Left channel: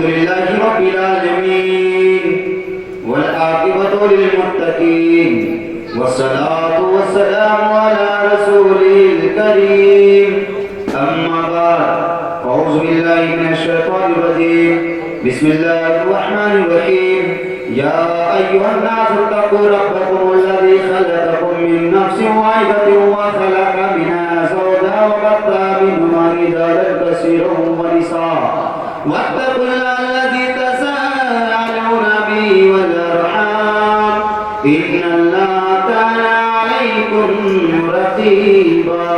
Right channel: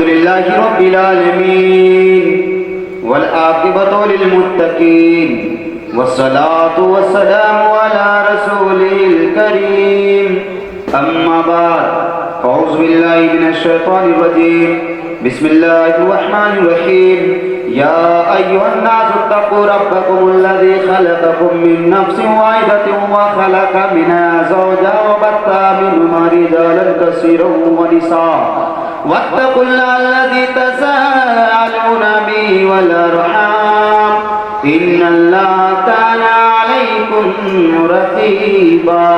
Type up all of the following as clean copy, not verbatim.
لله رب العالمين والعاقبة للمتقين والصلاة والسلام على رسوله الكريم أما بعد أعوذ بالله من الشيطان الرجيم بسم الله الرحمن الرحيم يا أيها الناس اتقوا ربكم الذي خلقكم من نفس واحدة وخلق منها زوجها وبث منهما رجالا كثيرا ونساء واتقوا الله الذي تساءلون به والأرحام إن الله كان عليكم رقيبا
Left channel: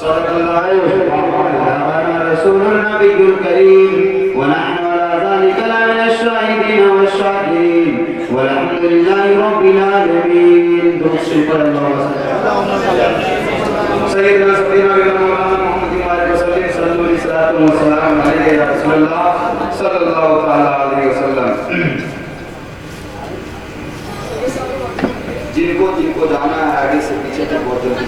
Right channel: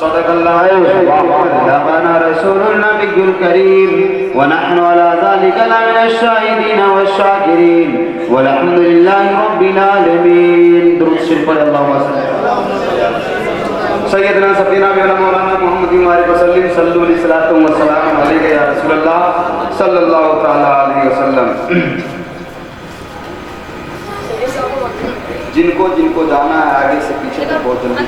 صدق الله وبلغنا رسول النبي الكريم ونحن على ذلك لمن الشاهدين والشاكرين والحمد لله رب العالمين. درود شریف پڑھ اللهم صل سیدنا سفینا مولانا محمد وسلم صلی اللہ علیہ وسلم علیہ یا رسول اللہ صلی اللہ تعالی علیہ وسلم. جن کو جانا ہے آگے سے پیچھے تک بہت جلدی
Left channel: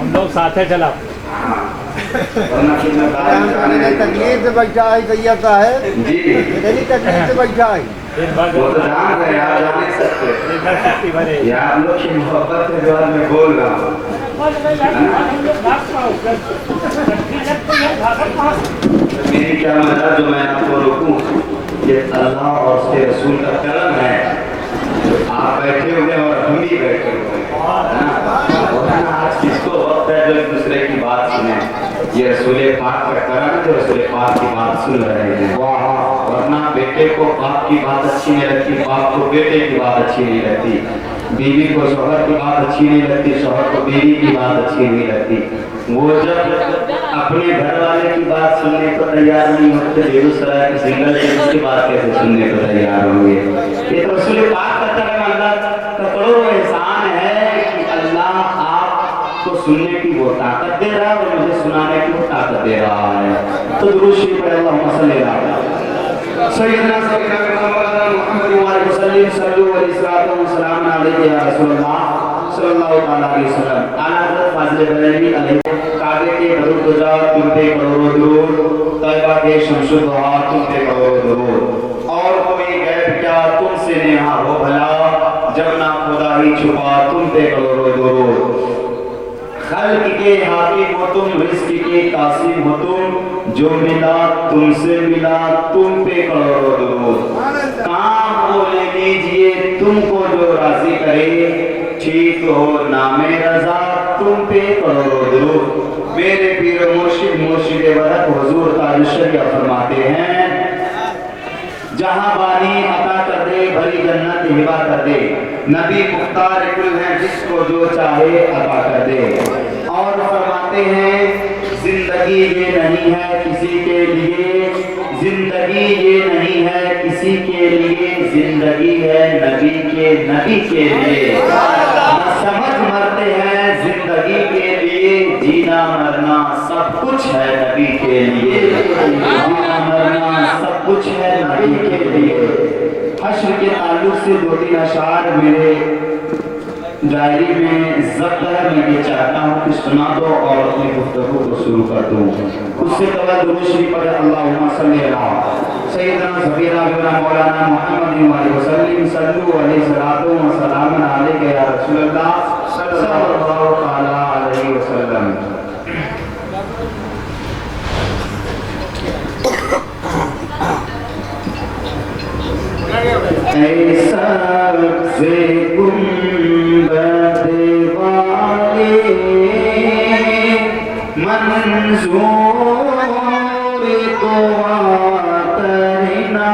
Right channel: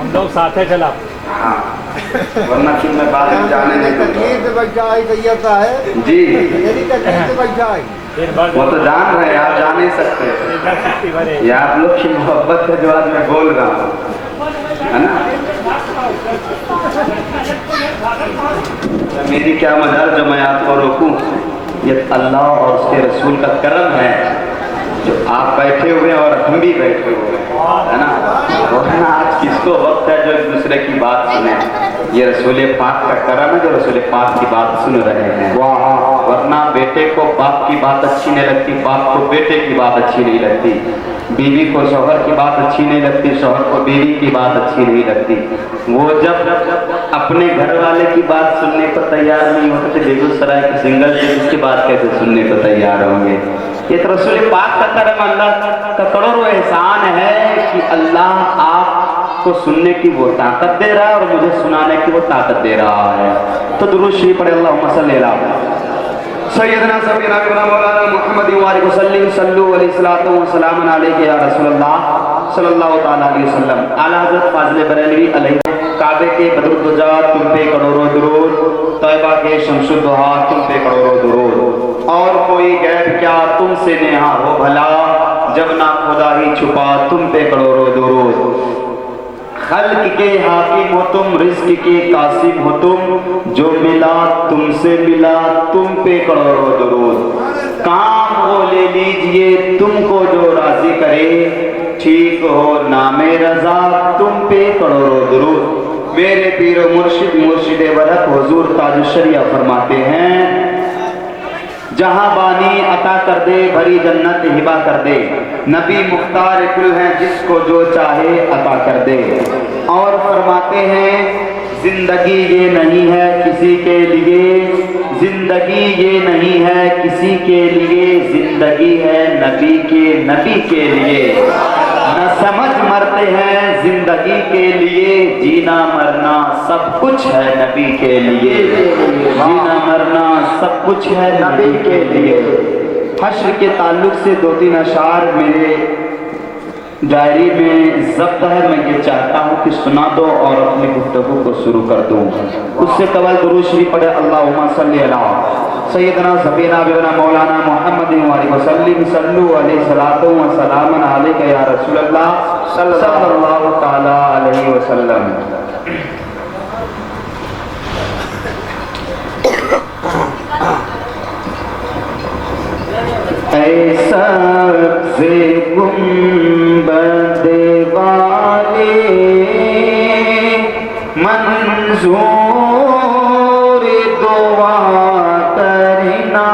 ہم لوگ ساتھ ہیں چلا ورنہ کہ میں باہر جانے نہیں تکلیف سے بچ جائے طیبہ ہے جی میری تکلیف سے بچ جائے. وہ تو جان رہے ہیں آپ جان نہیں سکتے یہ آپ لوگ کی محبت کے جواب میں بول رہا ہوں. میری کیا مدد جو میں آپ کو روکوں یہ اللہ اور اس کے رسول کا کرم ہے جو آپ بیٹھے ہوئے اور ہم بھی بیٹھے ہوئے ہے نا. آج کس کو وقت ہے جو ایک دوسرے کی بات سنیں. یہ رسول پاک کا کرم ہے جو رسول پاک کی بات سن رہے ہیں. ورنہ بیٹے کو باپ کی بات اچھی نہیں لگتی, باپ کو بیٹے کی بات اچھی نہیں لگتی, بیوی کو شوہر کی بات اچھی نہیں لگتی, شوہر کو بیوی کی بات اچھی نہیں لگتی. وہ جب اپنے گھر والے کی بات سننے کو تیار نہیں ہوتے بیگوسرائے کے سنگل اس کی بات کیسے سننے کو تیار ہوں گے. یہ تو رسول پاک کا کرم اللہ کا کروڑوں احسان ہے کہ اللہ آپ کو سننے کی وہ طاقت دے رہا ہے اور مجھے سنانے کی وہ طاقت دے رہا ہے. تو درود شریف پڑھے اللہم صلی اللہ سیدنا سبینا مولانا محمد وسلم صلو علیہ الصلوۃ والسلام علیہ یا رسول اللہ صلی اللہ تعالی علیہ وسلم. اعلیٰ حضرت فاضل بریلوی علیہ کعبے کے بدر الدجا تم پہ کروڑوں درود, طیبہ کے شمس الضحا تم پہ کروڑوں درود. اور کوئی غیب کیا تم سے نیہا ہو بھلا, جب نہ خدا ہی چھپا تم پہ کروڑوں درود. خلق کے حاکم ہو تم, رزق کے قاسم ہو تم, جو ملا تم سے ملا تم پہ کروڑوں درود. کام کو لے لیجئے تم کو جو راضی کرے, ٹھیک ہو نام رضا تم پہ کروڑوں درود. میرے پیر و مرشد ولد حضور تاج الشریعہ فرماتے ہیں جہاں بانی عطا کر دے بھری جنت ہبا کر دے, نبی مختار کل ہیں جس کو جو چاہے عطا کر دے. اور فرماتے ہیں زندگی یہ نہیں ہے کسی کے لیے, زندگی یہ نہیں ہے کسی کے لیے, زندگی ہے نبی کے لیے. نہ سمجھ مرتے ہیں زندگی کے لیے, جینا مرنا سب کچھ ہے نبی کے لیے, جینا مرنا سب کچھ ہے نبی کے لیے. حشر کے تعلق سے 2-3 اشعار میرے ڈائری میں ضبط ہے, میں یہ چاہتا ہوں کہ سنا دو اور اپنی گفتگو کو شروع کر دوں. اس سے قبل درود شریف پڑھے اللہم صلی علی سیدنا سفینا مولانا محمد وسلم صلو علیہ السلام علیہ یا رسول اللہ صلی اللہ تعالی علیہ وسلم. ایسا سے گنبد والے منظور دعا کرنا,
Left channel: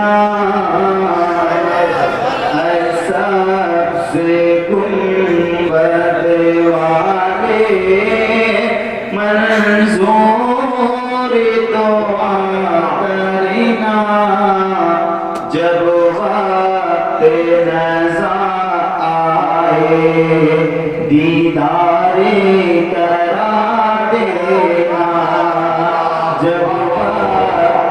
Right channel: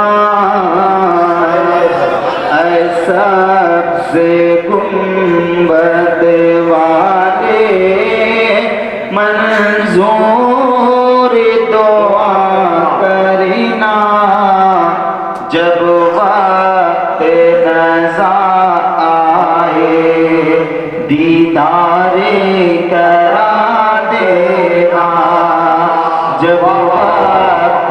ایسا سے گنبد والے منظور دعا کرنا, جب دیدار کرا دینا, جب وقت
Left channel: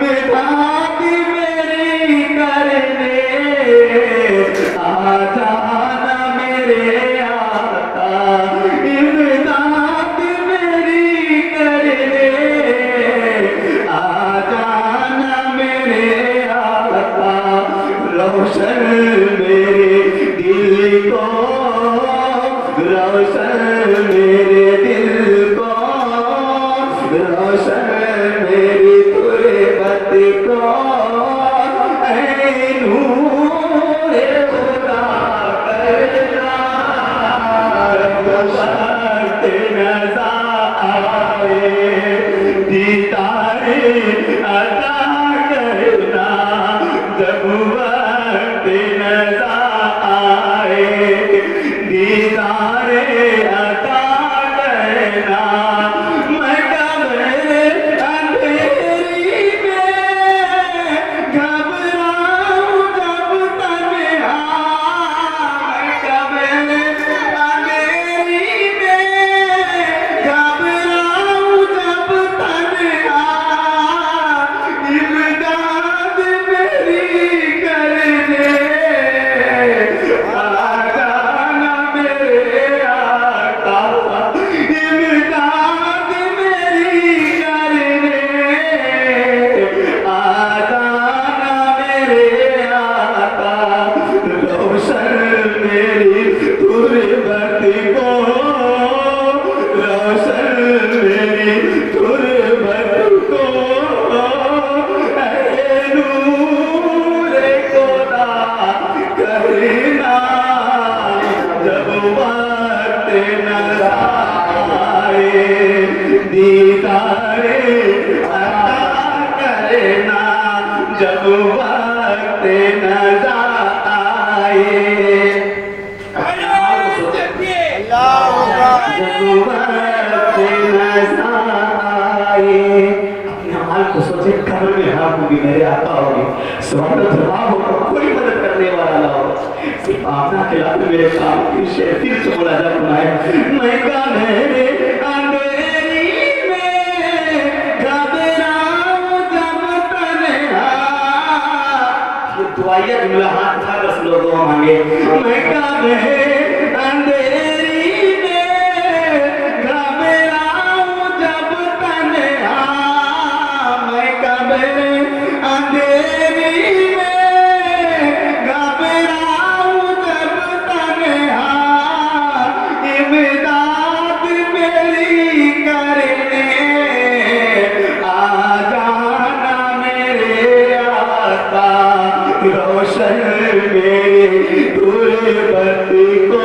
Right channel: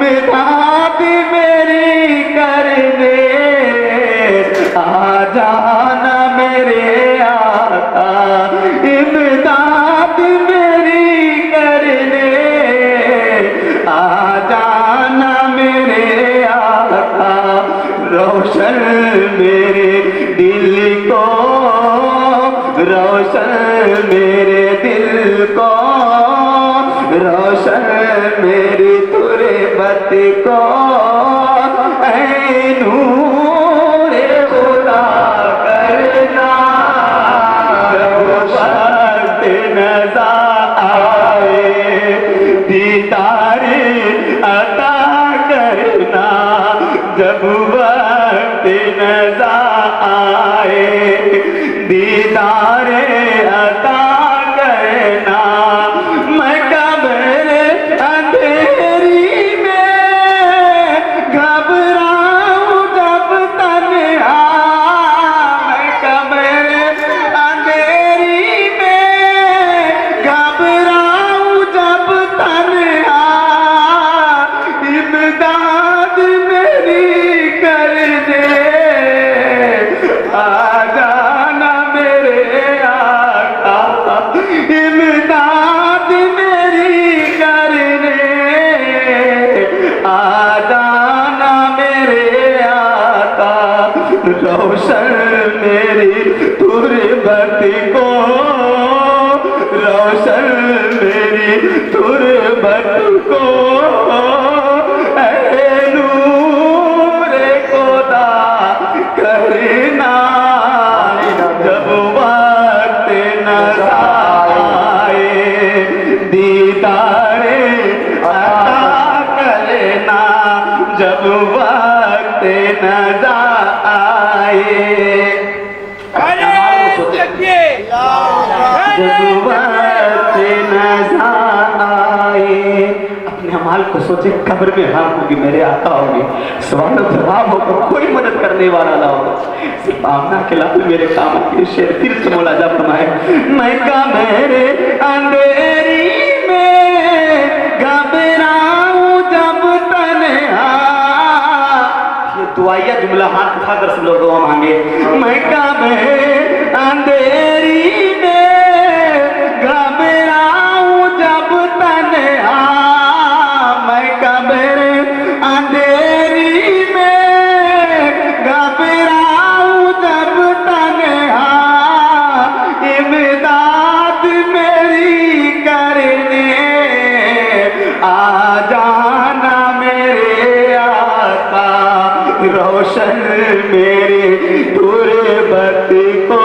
امداد میری کرنے آ جانا میرے آقا امداد میری کرنے آ جانا میرے آقا روشن میرے دل کو روشن میرے دل کو روشن میری تربت کو اے نور خدا کرنا جب وقت نظر آئے دیدار عطا کرنا جب وقت نظر آئے دیدار عطا کرنا میں قبر اندھیری میں گھبراؤں جب تنہا میں قبر اندھیری میں گھبراؤں جب تنہا امداد میری کرنے آ جانا میرے آقا امداد میری کرنے آ جانا میرے آقا روشن میری تربت کو روشن میری تربت کو اے نور خدا کرنا جب وقت نظر آئے دیدار عطا کرنا جب وقت نظر آئے جب وقت نظر آئے اپنے حال کو سوچے قبر میں ہاں ہوگی میرے آقا ہوگی سوال و جواب ہوگا کوئی مدد کرنے والا نہ ہوگا صرف آمنہ کے لابے میرے کام کی شیر پھر سے مولا جب فرمائے میں کا میرے اندھیری میں گھبراؤں جب تنہا یہ دعائیہ جملہ ہاتھ اٹھا کر سب لوگوں مانگے میں کا میرے اندھیری میں گھبراؤں جب تنہا میں قبر اندھیری میں گھبراؤں جب تنہا امداد میری کرنے آ جانا میرے آقا روشن میری تربت کو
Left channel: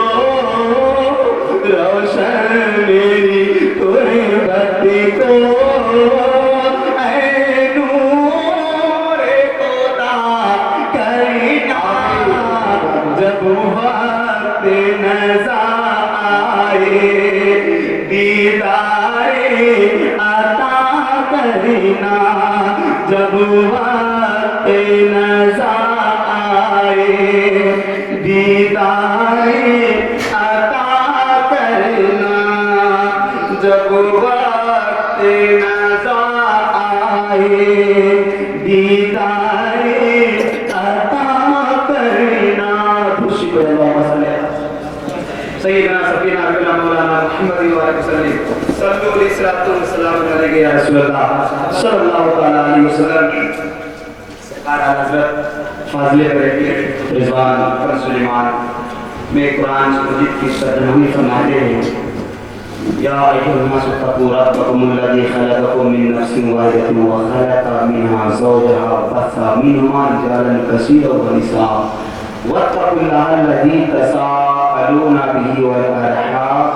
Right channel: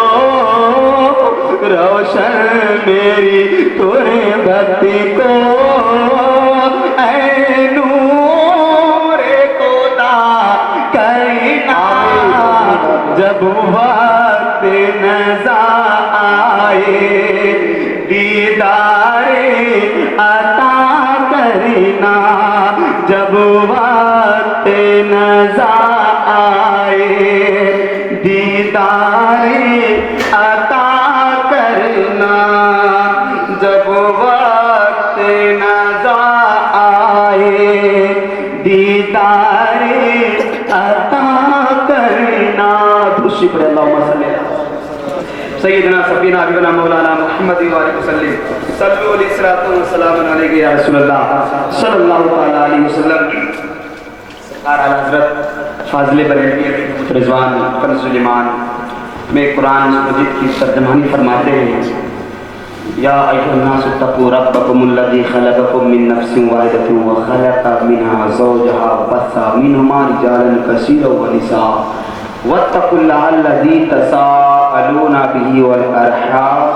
روشن میری تربت کو اے نور خدا کرنا جب وقت نظر آئے دیدار عطا کرنا جب وقت نظر آئے دیدار عطا کرنا جب وقت نظر آئے دیدار عطا کرنا شکر اللہم صلی سیدنا سفینہ حبیبنا مولانا محمد وآلہ وسلم صلو علیہ الصلوۃ والسلام علیہ یا رسول اللہ صلی اللہ علیہ وسلم اعلیٰ حضرت فاضل بریلوی رضوان فرض سلیمان میں قرآن مجید کی ترجمانی فرماتے ہیں یا ایھا الناس اتقوا ربکم الذی خلقکم من نفس واحدۃ وخلق منها زوجها وبث منهما رجالا کثیرا ونساء واتقوا اللہ الذی تساءلون به والارحام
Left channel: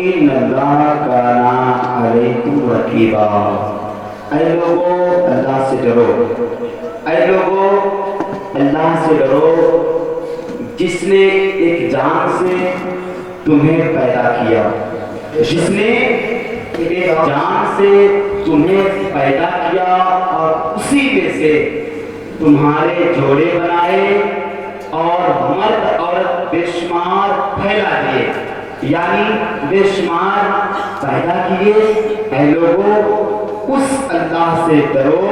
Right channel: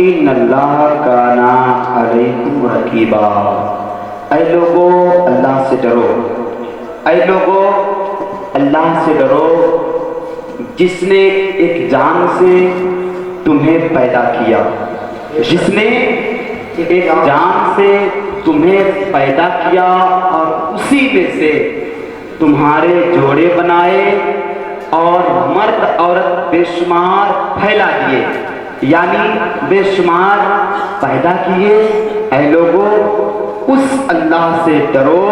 ان اللہ کان علیکم رقیبا اے لوگو اللہ سے ڈرو اے لوگو اللہ سے ڈرو جس نے ایک جان سے تمہیں پیدا کیا جس نے ایک جان سے تمہیں پیدا کیا اور اسی میں سے تمہارے جوڑے بنائے اور مرد عورت بے شمار پھیلا دیے یعنی بے شمار پیدا کیے اے لوگوں اس اللہ سے ڈرو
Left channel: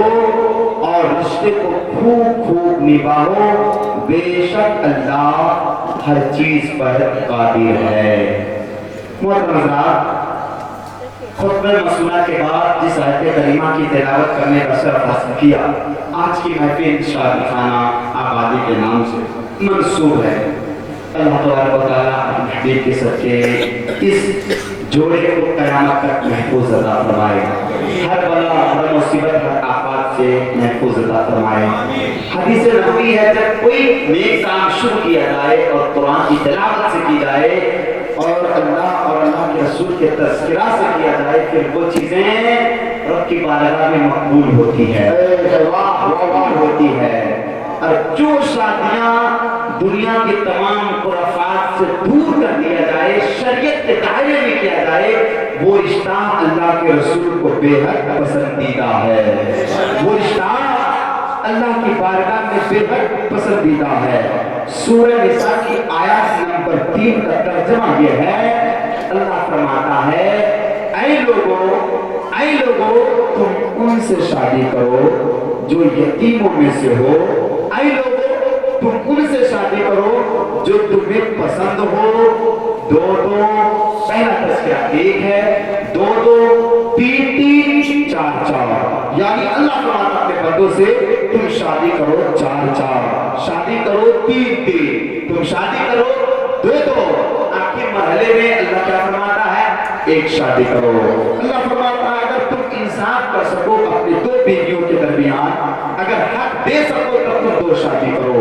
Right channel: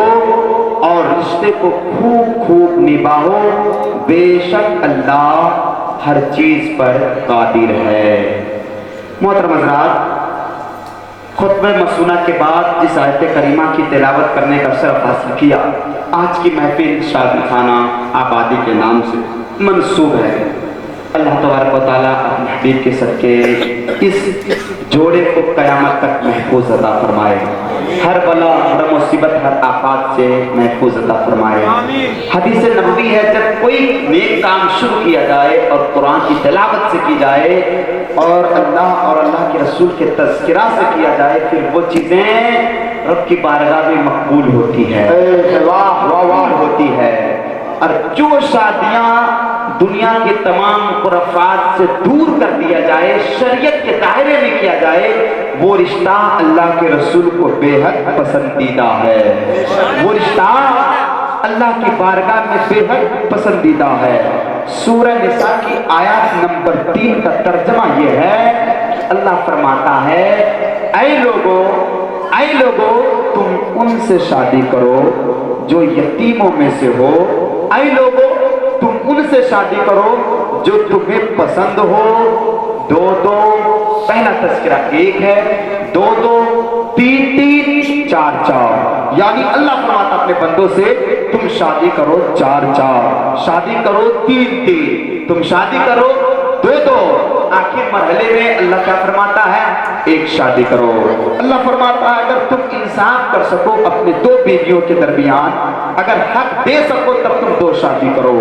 رشتے کو خوب خوب نبھاؤ، بے شک اللہ ہر چیز پر قادر ہے۔ محترم حضرات، خطبہ مسنونہ کے بعد جس آیت کریمہ کی تلاوت کرنے کا شرف حاصل کیا، آج کی محفل شادی خانہ آبادی کے نام سے منسوب ہے۔ اللہ تبارک و تعالیٰ اپنے حبیب کے صدقے اس جوڑے کو قیامت تک محفوظ عطا فرمائے، ہر بلا ہر مصیبت ہر آفات سے محفوظ عطا فرمائے۔ حدیث نبوی ہے جب کوئی نیک کام شروع کیا جائے اور قرآن کی تلاوت سے کی جائے اور اللہ اور اللہ کے رسول کے تذکرہ سے کیا جائے، پھر وہ چیزیں رب کی بارگاہ میں مقبول ہوتی ہے، ہوتی ہے۔ اور جو شادیاں دنیا کے تمام خرافات سے دور کر دیا جائے، شریعت کے دائرے میں کیا جائے، وہ رشتہ اللہ کے رسول کو بے حد پسندیدہ ہے، وہ رشتہ اللہ کی بارگاہ میں بے حد پسندیدہ ہے۔ سورہ نساء کی آیت نمبر 3 کا ترجمہ یہ ہے، اللہ فرماتا ہے اے لوگو تم ان سے شادی کرو جو یتیموں میں سے ہو، اے لوگو تم ان سے شادی کرو جو تمہیں پسند ہو، دو پہلا تذکرہ ایک ہے، دو تین چار، یعنی اللہ فرماتا اپنے بندوں سے تم شادی کرو چار، شادی کرو تین، تم شادی کرو دو، آخر مرحلے میں اللہ کیا فرماتا ہے؟ ایک شادی کرو۔ اللہ فرماتا ہے اگر تم انصاف کر سکو اپنے دو بیویوں کے درمیان، اگر حق دے سکو تب تم دو شادی کرو،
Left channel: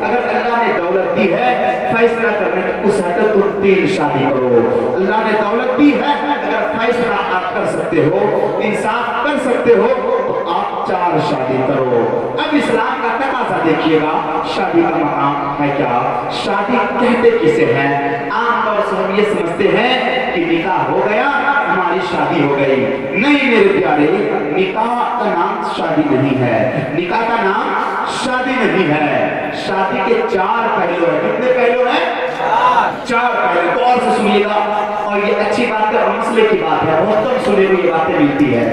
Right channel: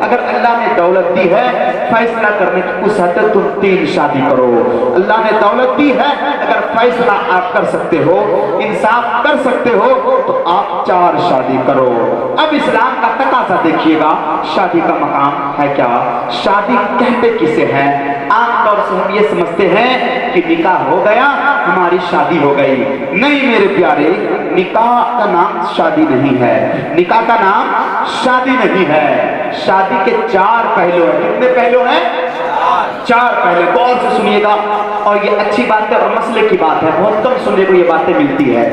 اگر اللہ نے دولت دی ہے فیصلہ کرنے کی اس حد تک تم 3 شادی کرو، اللہ نے دولت دی ہے اگر فیصلہ آپ کر سکتے ہو، انصاف کر سکتے ہو تو آپ 4 شادی کرو۔ اب اسلام کا تقاضا دیکھیے گا، شادی کا مقام ہے کیا؟ شادی کہتے کسے ہیں؟ عام طور سے ہم یہ سمجھتے ہیں کہ نکاح ہو گیا ہماری شادی ہو گئی، نہیں میرے پیارے، نکاح کا نام شادی نہیں ہے، نکاح کا نام شادی نہیں ہے۔ شادی کے 4 پہلو ہیں۔ کتنے پہلو ہیں؟ 4 پہلو، غور سے سنیے گا، اور یہ اچھی بات ہے اور مسئلے کی بات ہے، بہت کم سننے کو یہ باتیں ملتی ہے۔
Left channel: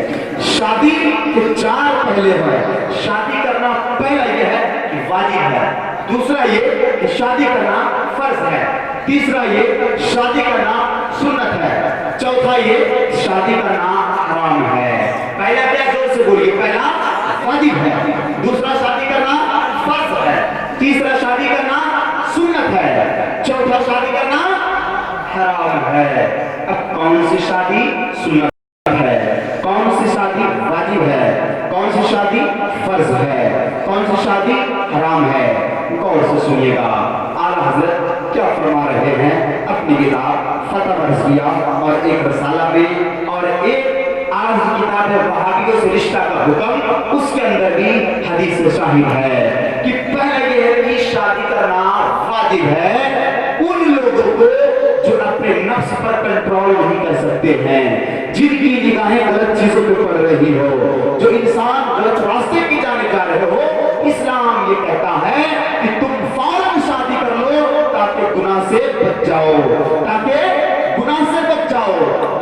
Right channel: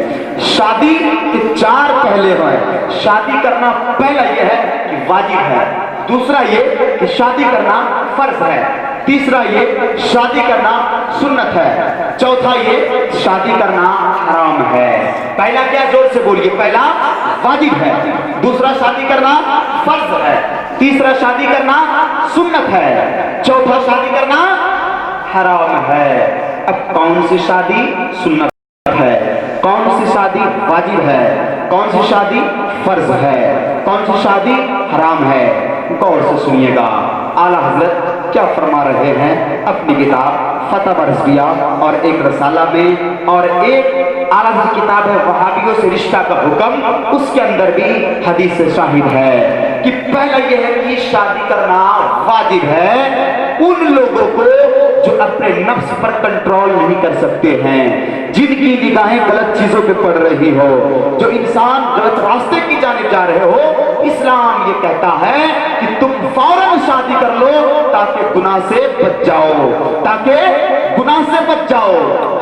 شادی کے 4 پہلو ہیں۔ شادی کرنا پہلا یہ ہے کہ واجب ہے، دوسرا یہ کہ شادی کرنا فرض ہے، تیسرا یہ شادی کرنا سنت ہے، چوتھا یہ شادی کرنا حرام ہے۔ پہلا کیا؟ زور سے بولیے۔ پہلا واجب ہے، دوسرا شادی کرنا فرض ہے، تیسرا شادی کرنا سنت ہے، چوتھا شادی کرنا حرام ہے۔ اب کون سی شادی سنت ہے، کون سی شادی واجب ہے، کون سی شادی فرض ہے، کون سی شادی حرام ہے؟ غور سے سنیے گا، اعلیٰ حضرت کیا فرما رہے ہیں اپنی کتاب فتح رضویہ اور ایک رسالہ میں، اور ایک اعلیٰ حضرت کتاب ہے وہابیوں سے رشتہ کا حکم، اس کے اندر بھی حدیث شاہد ہے کہ پہلا یہ ہے کہ شادی کرنا واجب ہے ان لوگوں کو جو اپنے نفس پر کنٹرول نہیں کر سکتے ہیں، جن کی نگاہیں غلط چیزوں پہ پڑ رہی ہو، جو انسان غلط راستے کی جانب جا رہے ہو۔ اسلام یہ کہتا ہے کہ تم فوراً شادی کر لو تاکہ گناہ سے بچ جاؤ، تاکہ گناہ سے بچ جاؤ۔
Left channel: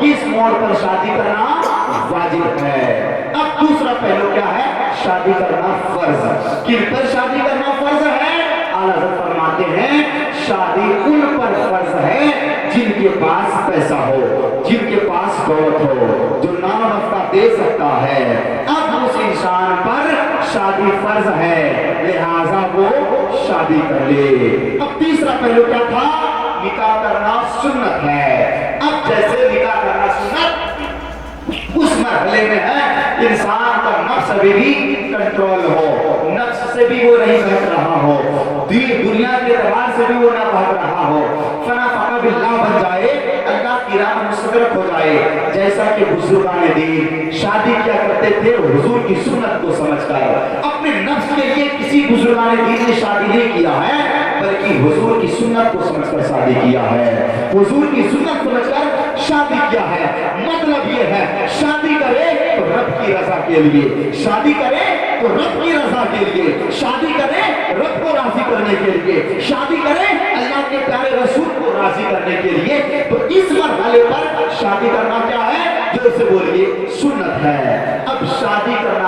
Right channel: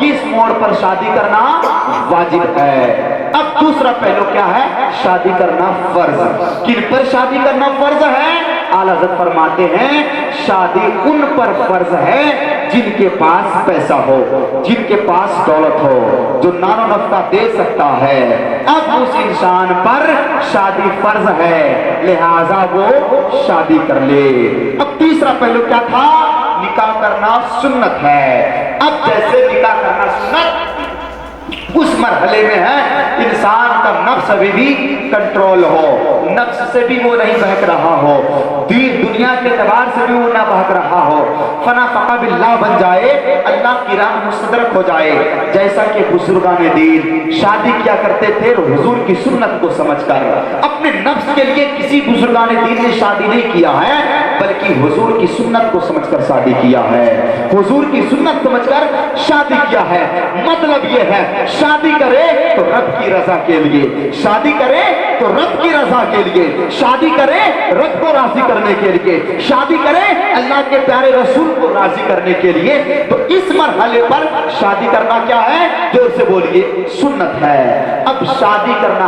اس موڑ پر شادی کرنا واجب ہے۔ اب دوسرا پہلو کیا ہے؟ شادی کرنا فرض۔ کن پر شادی کرنا فرض ہے؟ اعلیٰ حضرت فرماتے ہیں شادی ان پر فرض ہے جن کے پاس پیسہ ہو، جن کے پاس دولت ہو، جو نان و نفقہ دے سکتا ہے۔ اب اس انسان پر شادی فرض ہے، لہٰذا وہ شادی کر لے۔ اب تیسرا پہلو کیا تھا؟ نکاح کرنا سنت ہے۔ اب جیسے نکاح کرنا سنت اس مرحلے میں ہے انسان کا نفس ابھی بھی کنٹرول ہو، نفس سے بھی وہ نہیں بہک رہا ہو، دنیا کے اعتبار سے بھی وہ نہ بہک رہا ہو، فنا فقہ باللہ بن جائے، اللہ کی راہ مستدرک ہو جائے۔ جیسا کہ بزرگان دین شادی کیا کرتے تھے حضور کی سنت کو سمجھ کر، اپنے نفس کے لیے کسی بزرگان دین نے شادی نہیں کیا ہے بلکہ حضور کی سنت کو سمجھ کر شادی کیا ہے، حضور کی سنت سمجھ کر شادی کیا ہے۔ مطلب یہ ہے شادی کرے تو رب کی رضا کے لیے، شادی کرے تو رب کی رضا کے لیے، شادی کرے رب کو راضی کرنے کے لیے، شادی کرے اللہ کے پیارے رسول کو راضی کرنے کے لیے۔ تو اس مرحلے پر شادی کرنا کیا ہے؟ جو سے بولیے سنت ہے۔ اب شادی کرنا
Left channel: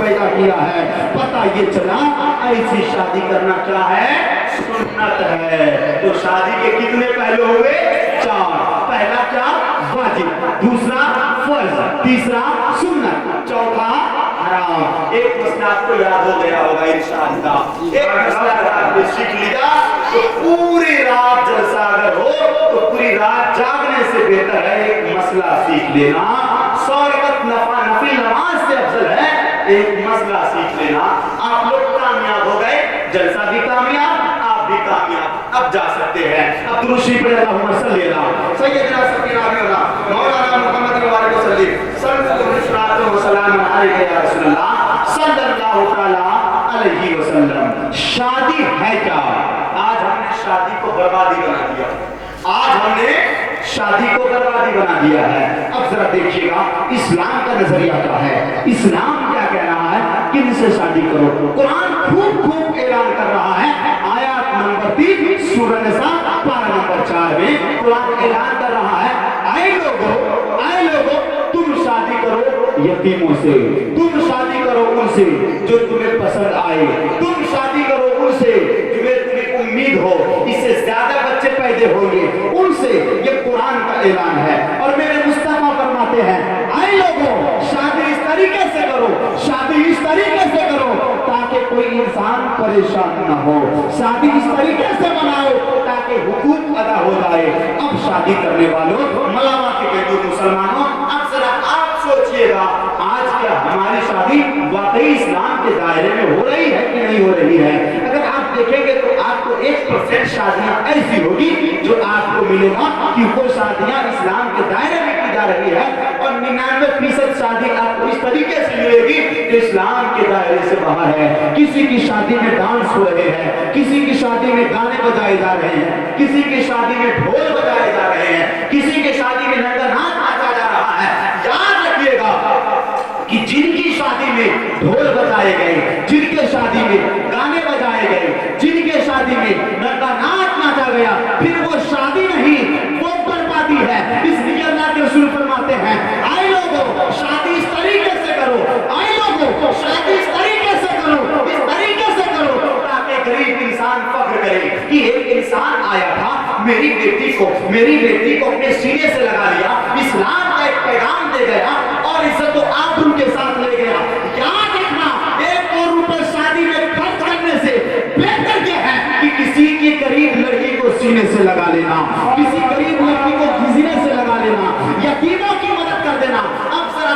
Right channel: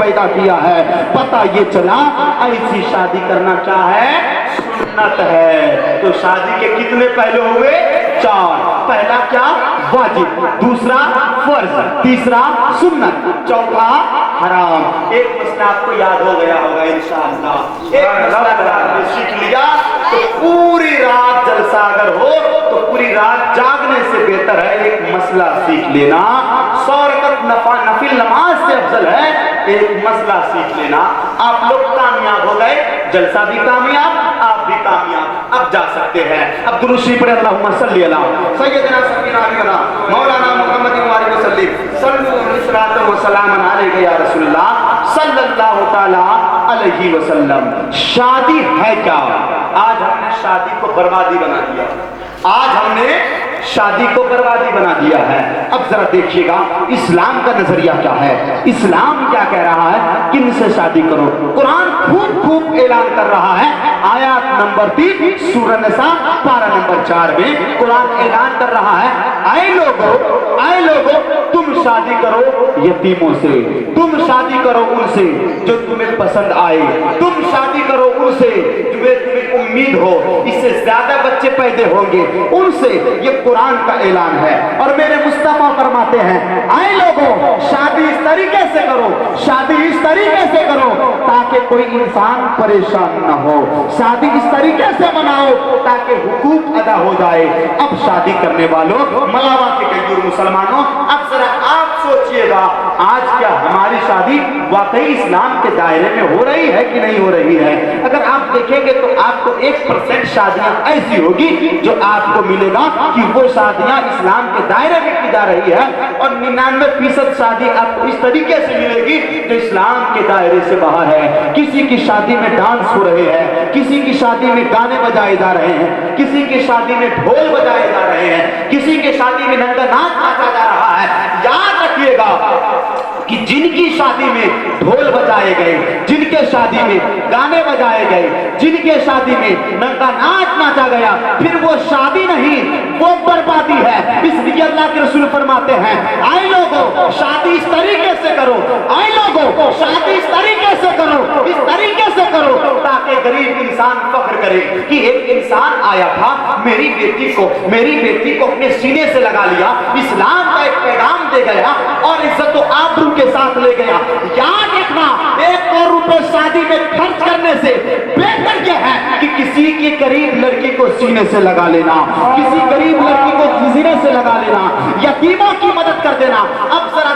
پیدا کیا ہے. پتہ یہ چلا ایسی شادی کرنا کیا ہے؟ سنت ہے. تو شادی کے کتنے پہلو ہوئے؟ 4. پہلا کیا؟ واجب. دوسرا فرض. تیسرا سنت. چوتھا حرام. ایک مسئلہ آپ کو یاد ہو گیا ہوگا انشاءاللہ. ایک مسئلہ اگر آپ نے سیکھ لیا تو پوری رات جلسہ اگر ہو تو پوری رات جاگنے سے بہتر ہے ایک مسئلہ سیکھ لینا. 100 رکعت نفل نماز سے افضل ہے ایک مسئلہ سیکھ لینا. آپ لوگ کامیاب ہو گئے, جلسہ بھی کامیاب, آپ بھی کامیاب. اب جا سکتے ہیں. اب درود شریف پڑھیں. اللہم صلی علی سیدنا سیدنا مولانا محمد وعلیہ وسلم صلی اللہ وسلم علیہ یا رسول اللہ صلی اللہ تعالی علیہ وسلم. شادی ہے کیا؟ آج ہم نے شادی کو بربادی بنا دیا. آج ہم نے شادی کو بربادی بنا دیا ہے. اب ذرا دیکھیے گا اسلام کا نظریہ کیا ہے. اسلام کیا کہہ رہا ہے؟ کن سے شادی کرو؟ قرآن خوب خوب اعلان کر رہا ہے. آیات نمبر 3 سورہ نساء پارہ نمبر 4 میں قرآن اعلان کر رہا ہے, اے لوگو تم شادی کرو یتیموں سے, تم شادی کرو ان سے جو تمہیں پسند آئے, تم شادی کرو ان سے تمہیں امید ہو اس سے زیادہ بچے پیدا ہوں گے ان سے. یہ قرآن کا اعلان ہے. اور میرے مصطفیٰ فرماتے ہیں اے لوگوں شادی اس طریقے سے کرو, شادی اس طریقے سے کرو تاکہ کوئی انسان پریشان نہ ہو. شادی اس طریقے سے بناؤ تاکہ حقوق ادا ہو جائے. اب شادی کرنے والوں ملاوہ کے غیر مسلمانوں, اب ذرا آپ سوچئے گا آج کیا ہماری شادی واقعی اسلام کے دائرے میں ہو رہی ہے کہ نہیں ہو رہی ہے؟ اگر آپ دیکھیں گے تو آپ کو 1% شادیاں ایسی ہوگی جو آپ کو ملے گا کہ وہ شادیاں اسلام کے دائرے میں کی جا رہی ہے, اور 99% شادی آپ کو اس طریقے سے ملے گی جو اسلام کے دائرے سے باہر ہے. کسی کی شادی میں ڈانس ہو رہے ہیں, کسی کی شادی میں گانے بجائے جا رہے ہیں, کسی کی شادی میں ڈھول بجائے جا رہے ہیں, کسی کی شادی میں ننگا ناچ ناچا جا رہا ہے. یاد رکھیے گا کہ جن کی شادی میں ڈھول بجائے گئے, جن کے شادی میں گانے بجائے گئے, جن کے شادی میں ننگا ناچ ناچا گیا, پھر وہ شادی نہیں وہ بربادی ہے. اس لیے اللہ کے رسول فرماتے ہیں اے لوگوں شادی اس طریقے سے کرو, اے لوگوں شادی اس طریقے سے کرو, اس طریقے سے کرو تاکہ غریب انسان فخر کرے کہ ایک انسان آیا تھا میری بیٹی کو اپنے سینے سے لگا لیا, اسلام کا ایک پیغام دے گیا اور عزت و آبرو کے ساتھ لے گیا. یاد رکھنا 1 کروڑ روپے شادی میں خرچ کرنے سے بہتر یہ ہے کہ کسی کی غریب لڑکی کو سینے سے لگا لینا, کسی غریب لڑکی کو سینے سے لگا لینا, یتیموں کی مدد کر دینا. اب ذرا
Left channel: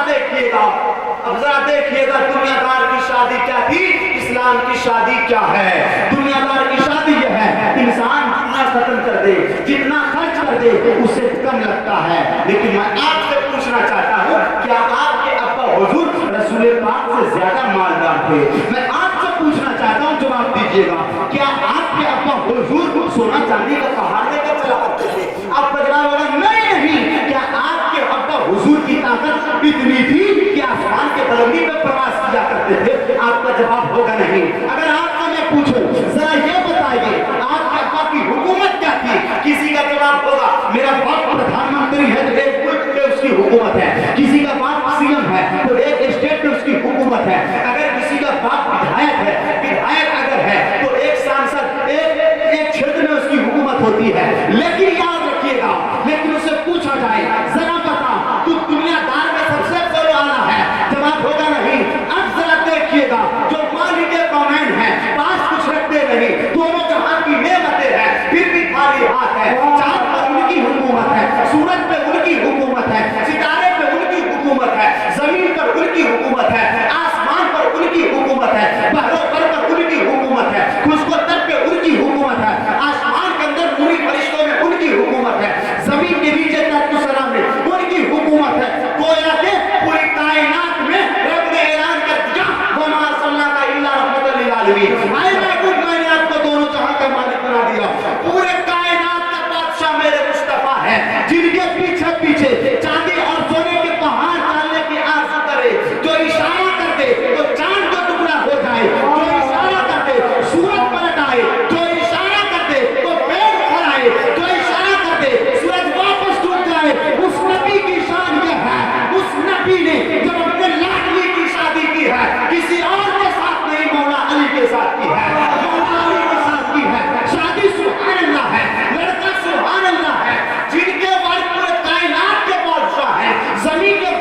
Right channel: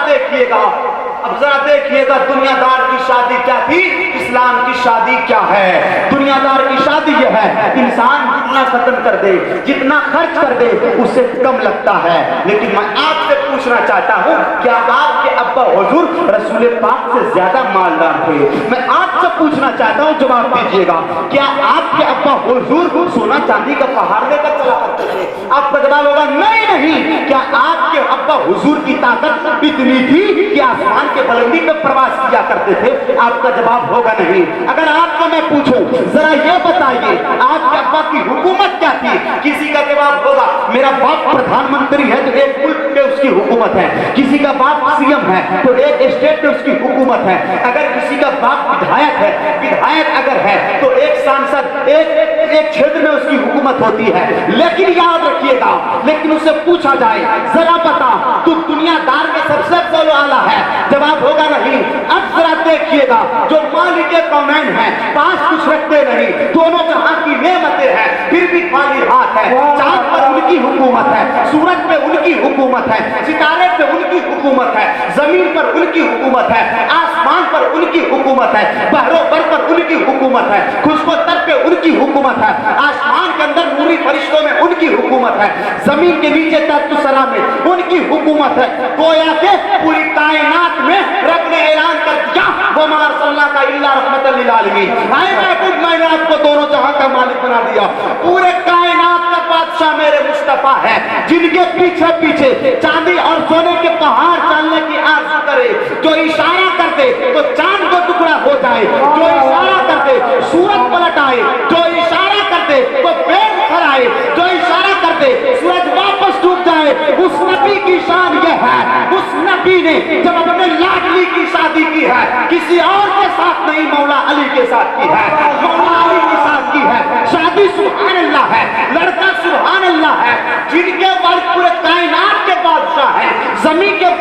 دیکھیے گا دنیا دار کی شادی کیا تھی, اسلام کی شادی کیا ہے. دنیا دار کی شادی یہ ہے انسان جتنا ختم کر دے, جتنا خرچ کر دے اسے کم لگتا ہے. لیکن میں آپ سے پوچھنا چاہتا ہوں کیا آپ کے ابا حضور رسول پاک سے زیادہ مالدار تھے؟ میں آپ سے پوچھنا چاہتا ہوں, جواب دیجیے گا. کیا آپ کے ابا حضور سونا چاندی کا پہاڑ لے کر چلا کرتے تھے؟ آپ کا جواب ہوگا نہیں. کیا آپ کے ابا حضور کی طاقت اتنی تھی کہ آسمان کے بلندی میں پرواز کیا کرتے تھے؟ آپ کا جواب ہوگا نہیں. اگر آپ کو میں پوچھوں ذرا یہ بتائیے آپ کے ابا کی حکومت کیا تھی؟ کسی کا جواب ہوگا میرا باپ پردھان منتری ہے تو ایک ملک میں اس کی حکومت ہے, کسی کا باپ سی ایم ہے تو ایک اسٹیٹ میں اس کی حکومت ہے, اگر کسی کا باپ ودھایک اگر ہے تو ایک سانسد ایک چھیتر میں اس کی حکومت ہوتی ہے. لیکن یاد رکھیے گا, لیکن اسے پوچھا جائے ذرا بتا تو دنیا دار میں سب سے افضل والا ہے, جواب ہوگا نہیں. اب ذرا دیکھیے گا جو مالک کونین ہیں پاس کچھ رکھتے نہیں, دونوں جہاں کی نعمتیں ہیں پھر بھی خالی ہاتھ ہے. چاند پر ان کی حکومت ہے, سورج پہ ان کی حکومت ہے, ستارے پہ ان کی حکومت ہے, زمین پر ان کی حکومت ہے, آسمان پر ان کی حکومت ہے, بحر و بر پر ان کی حکومت ہے, خشک و تر پہ ان کی حکومت ہے, آسمان کے اندر نوری فرشتوں میں ان کی حکومت ہے, زمین کے نیچے تحت السلام میں ان کی حکومت ہے. گویا کہ پوری کائنات میں رب نے اعلان کر دیا وما ارسلناک الا رحمۃ للعالمین. میں نے آپ کو دونوں جہاں کا مالک بنا دیا. پورے کائنات کا بادشاہ میرے مصطفیٰ ہے, جن کے پیچھے چاندی اور سونے کے پہاڑ ڈالنے کی آرزو کرے, جو اشارہ کر دے تو چاند کو ٹکڑا ہو جائے, جو اشارہ کر دے سورج پلٹ آئے, جو اشارہ کر دے تو پیڑ کھڑائے, جو اشارہ کر دے سورج واپس ٹوٹ جائے,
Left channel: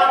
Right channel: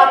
8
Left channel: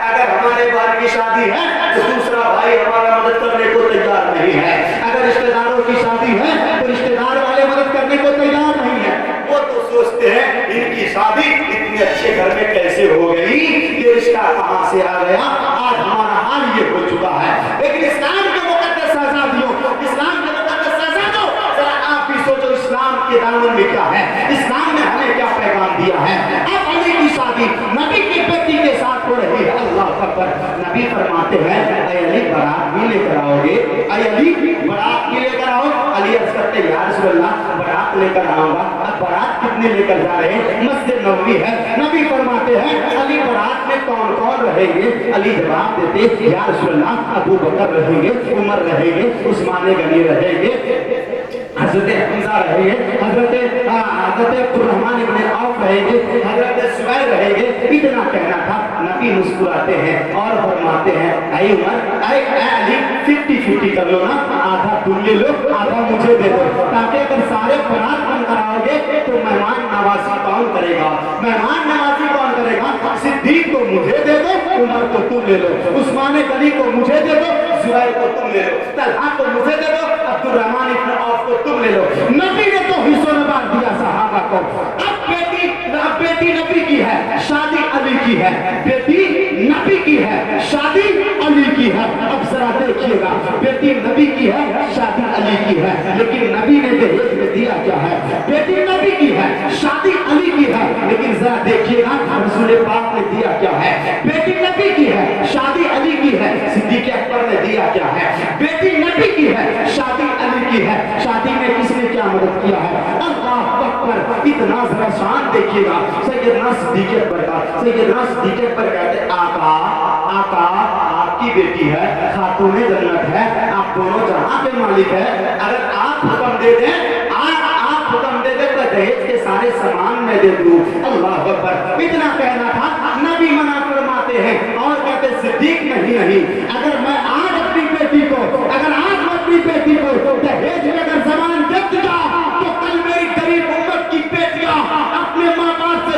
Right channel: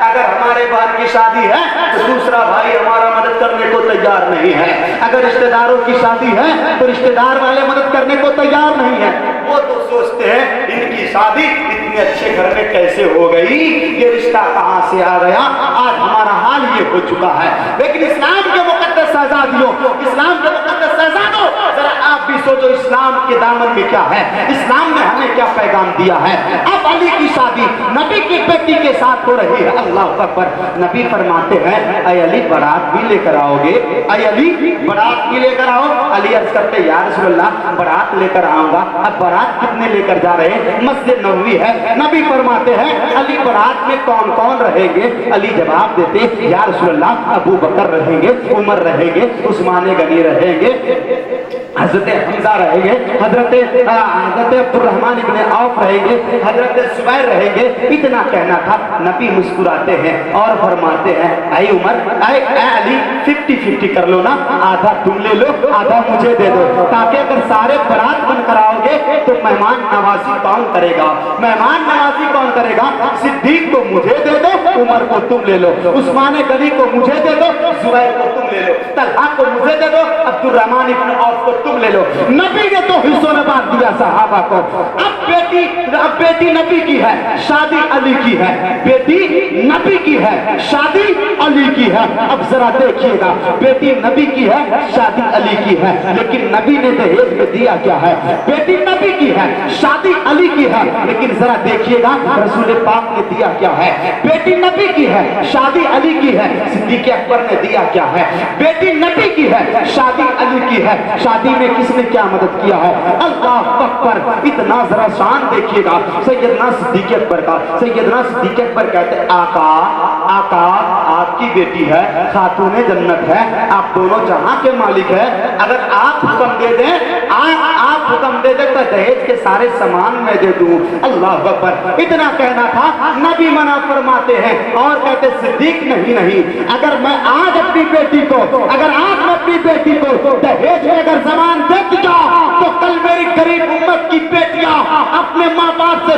اگر ہمارے بھائی کی شادی ہے تو دوسرا بھائی ہمارا مدد کرنے کو تیار نہیں ہے، اگر رشتہ داروں کی شادی ہے تو رشتہ دار والے مدد کرنے کو تیار نہیں ہے، وہ تو سوچتے ہیں ان کی شادی اتنے اچھے گھر میں کیسے ہو گئی، یہ رشتہ کہاں سے آ گیا۔ آج ہمارا حال یہ ہو چکا ہے۔ لیکن اسلام کے مقدس شہزادیوں، اسلام کے مقدس شہزادوں، ذرا آپ بھی سوچو اسلام کے دامن میں کیا ہے، اسلام نے ہمیں کیا پیغام دیا ہے۔ اب علی کی شادی نبی کی بیٹی کے ساتھ ہو رہی ہے، اللہ اکبر۔ نبی فرماتے ہیں اے علی بارات بھی لے کر آؤ گے، اے علی بارات بھی لے کر آؤ۔ علی عرض کرتے یا رسول اللہ بارات لے کر آؤں گا۔ اب بارات کتنے لے کر جا رہے ہیں؟ مسجد نبوی ہے۔ نبی فرماتے ہیں علی بارات میں کون کون رہیں گے؟ علی جواب دیتے یا رسول اللہ ابو بکر رہیں گے، عمر رہیں گے، عثمان غنی رہیں گے، حضرت حمزہ رہیں گے، حضرت عبد الرحمن ابن عوف رہیں گے، حضرت زبیر رہیں گے۔ اتنا کہنا تھا۔ نبی مسکراتے ہیں اور فرماتے ہیں اے عمر، اے علی 50-50 کر لو نا، آدھا تم لے لو آدھا مجھے دے دو، تاکہ اگر سارے برات بن کر آؤ گے تو مہمان نوازی کون کرے گا؟ مہمان نوازی کون کرے گا؟ صدیق کو مجھے دے دو، عمر کو تم لے لو، عثمان غنی کو مجھے دے دو، زبیر کو تم لے لو، طلحہ کو مجھے دے دو، عبد الرحمن ابن عوف کو تم لے لو۔ نبی نے تو حصوں میں بانٹ دیا صحابہ کو۔ اب بیٹی نبی کی ہے، شادی علی کی ہے، بیٹی نبی کی ہے، شادی علی کی ہے۔ اب ذرا دیکھیے گا، بیٹی نبی کی ہے، شادی علی کی ہے، لیکن نبی نے دہیج میں دیا کیا ہے؟ بیٹی نبی کی ہے، شادی علی کی ہے، لیکن ذرا دیکھیے گا رسول پاک نے دیا کیا ہے؟ بیٹی نبی کی ہے، شادی علی کی ہے، صدیق اکبر نے دیا کیا ہے؟ بیٹی نبی کی ہے، شادی علی کی ہے، شادی میں کس نے کیا مدد کیا ہے؟ اللہ اکبر۔ اتنا ذرا شان دیکھیے گا سیدنا صدیق اکبر کا۔ سیدنا صدیق اکبر کہتے ہیں آقا آپ کی بیٹی ہے، خاتون جنت ہے، آپ دونوں جہاں کے مالک ہیں، اگر آپ حکم دے دیں، آپ حکم دے دیں تو دہیج کے سارے سامان میں دے دوں۔ اللہ اکبر۔ اتنا کہنا تھا، نبی منع فرماتے ہیں اور کہتے صدیق نہیں، اگر میں آج اپنی بیٹی کو دہیج میں اگر سامان دے دیا تو کل میری غریب امت کی بیٹیاں اپنے ماں باپ سے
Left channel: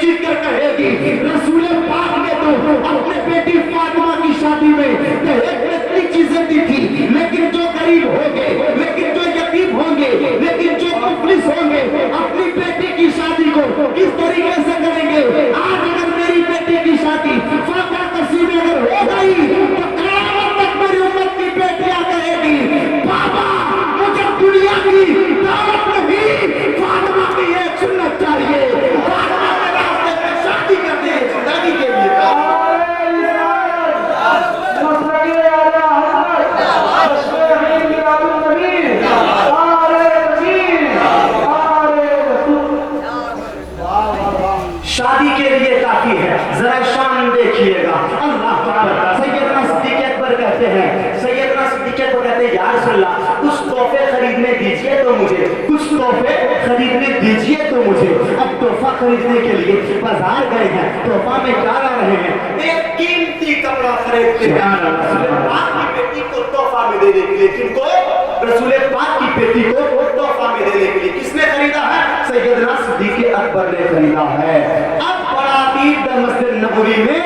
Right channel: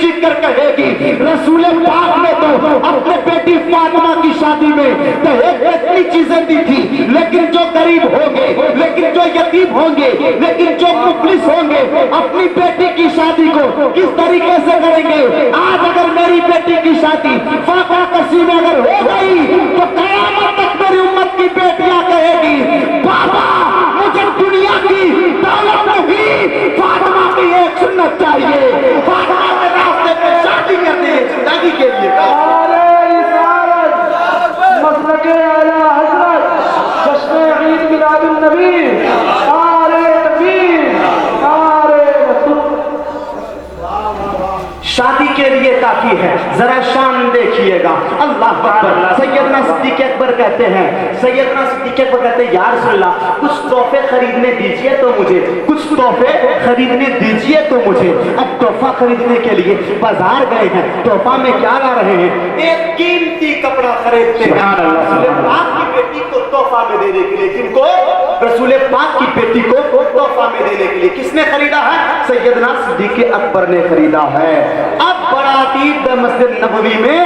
چیخ کر کہے گی رسول پاک نے تو اپنے بیٹی فاطمہ کی شادی میں دہیج میں اتنی چیزیں دی تھی، لیکن جو غریب ہوں گے، لیکن جو یتیم ہوں گے، لیکن جو مفلس ہوں گے، اپنی بیٹی کی شادی کو کس طریقے سے کریں گے؟ آج اگر میری بیٹی کی شادی فاقہ کسی میں اگر ہو گئی تو قیامت تک میری امت کی بیٹیاں کہے گی بابا مجھے دنیا کی دولت نہیں، فاطمہ کی ایک سنت چاہیے، فاطمہ کے راستے پہ شادی کرنی ہے زندگی کے لیے۔ شادی کے لیے کافی ہے، ذرا شان دیکھیے گا۔ اللہ اکبر۔ سیدنا صدیق اکبر کہتے ہیں یا رسول اللہ کچھ تحفے خریدنے دیجئے تو مجھے، کچھ تحفے خریدنے دیجئے تو مجھے۔ اب تحفہ خریدنے کے لیے بازار گئے ہیں، تحفہ میں کیا لا رہے ہیں؟ ایک قیمتی کپڑا خریدتے ہیں رسول پاک کی بیٹی کو تحفہ میں دینے کے لیے۔ جن کو رسول پاک کی بیٹی کو تحفہ میں دینے کے لیے کس نے خریدا ہے؟ سیدنا صدیق اکبر نے خریدا ہے۔ اب براتی مسجد نبوی میں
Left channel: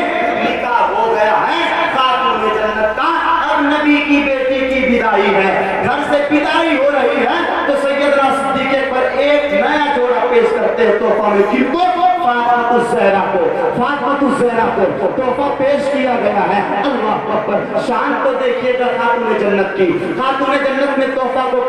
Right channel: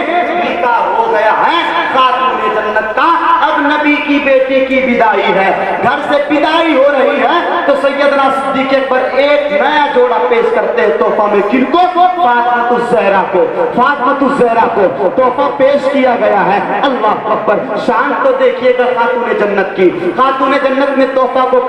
نکاح ہو گیا ہے خاتون جنت کا۔ اب نبی کی بیٹی کی بدائی ہے، گھر سے بدائی ہو رہی ہے تو سیدنا صدیق اکبر ایک نیا جوڑا پیش کرتے ہیں تحفہ میں۔ کن کو؟ فاطمہ الزہرا کو۔ فاطمہ الزہرا کو تحفہ پیش کیا گیا ہے۔ اللہ اکبر۔ شان تو دیکھیے گا خاتون جنت کی۔ خاتون جنت نے تحفہ کو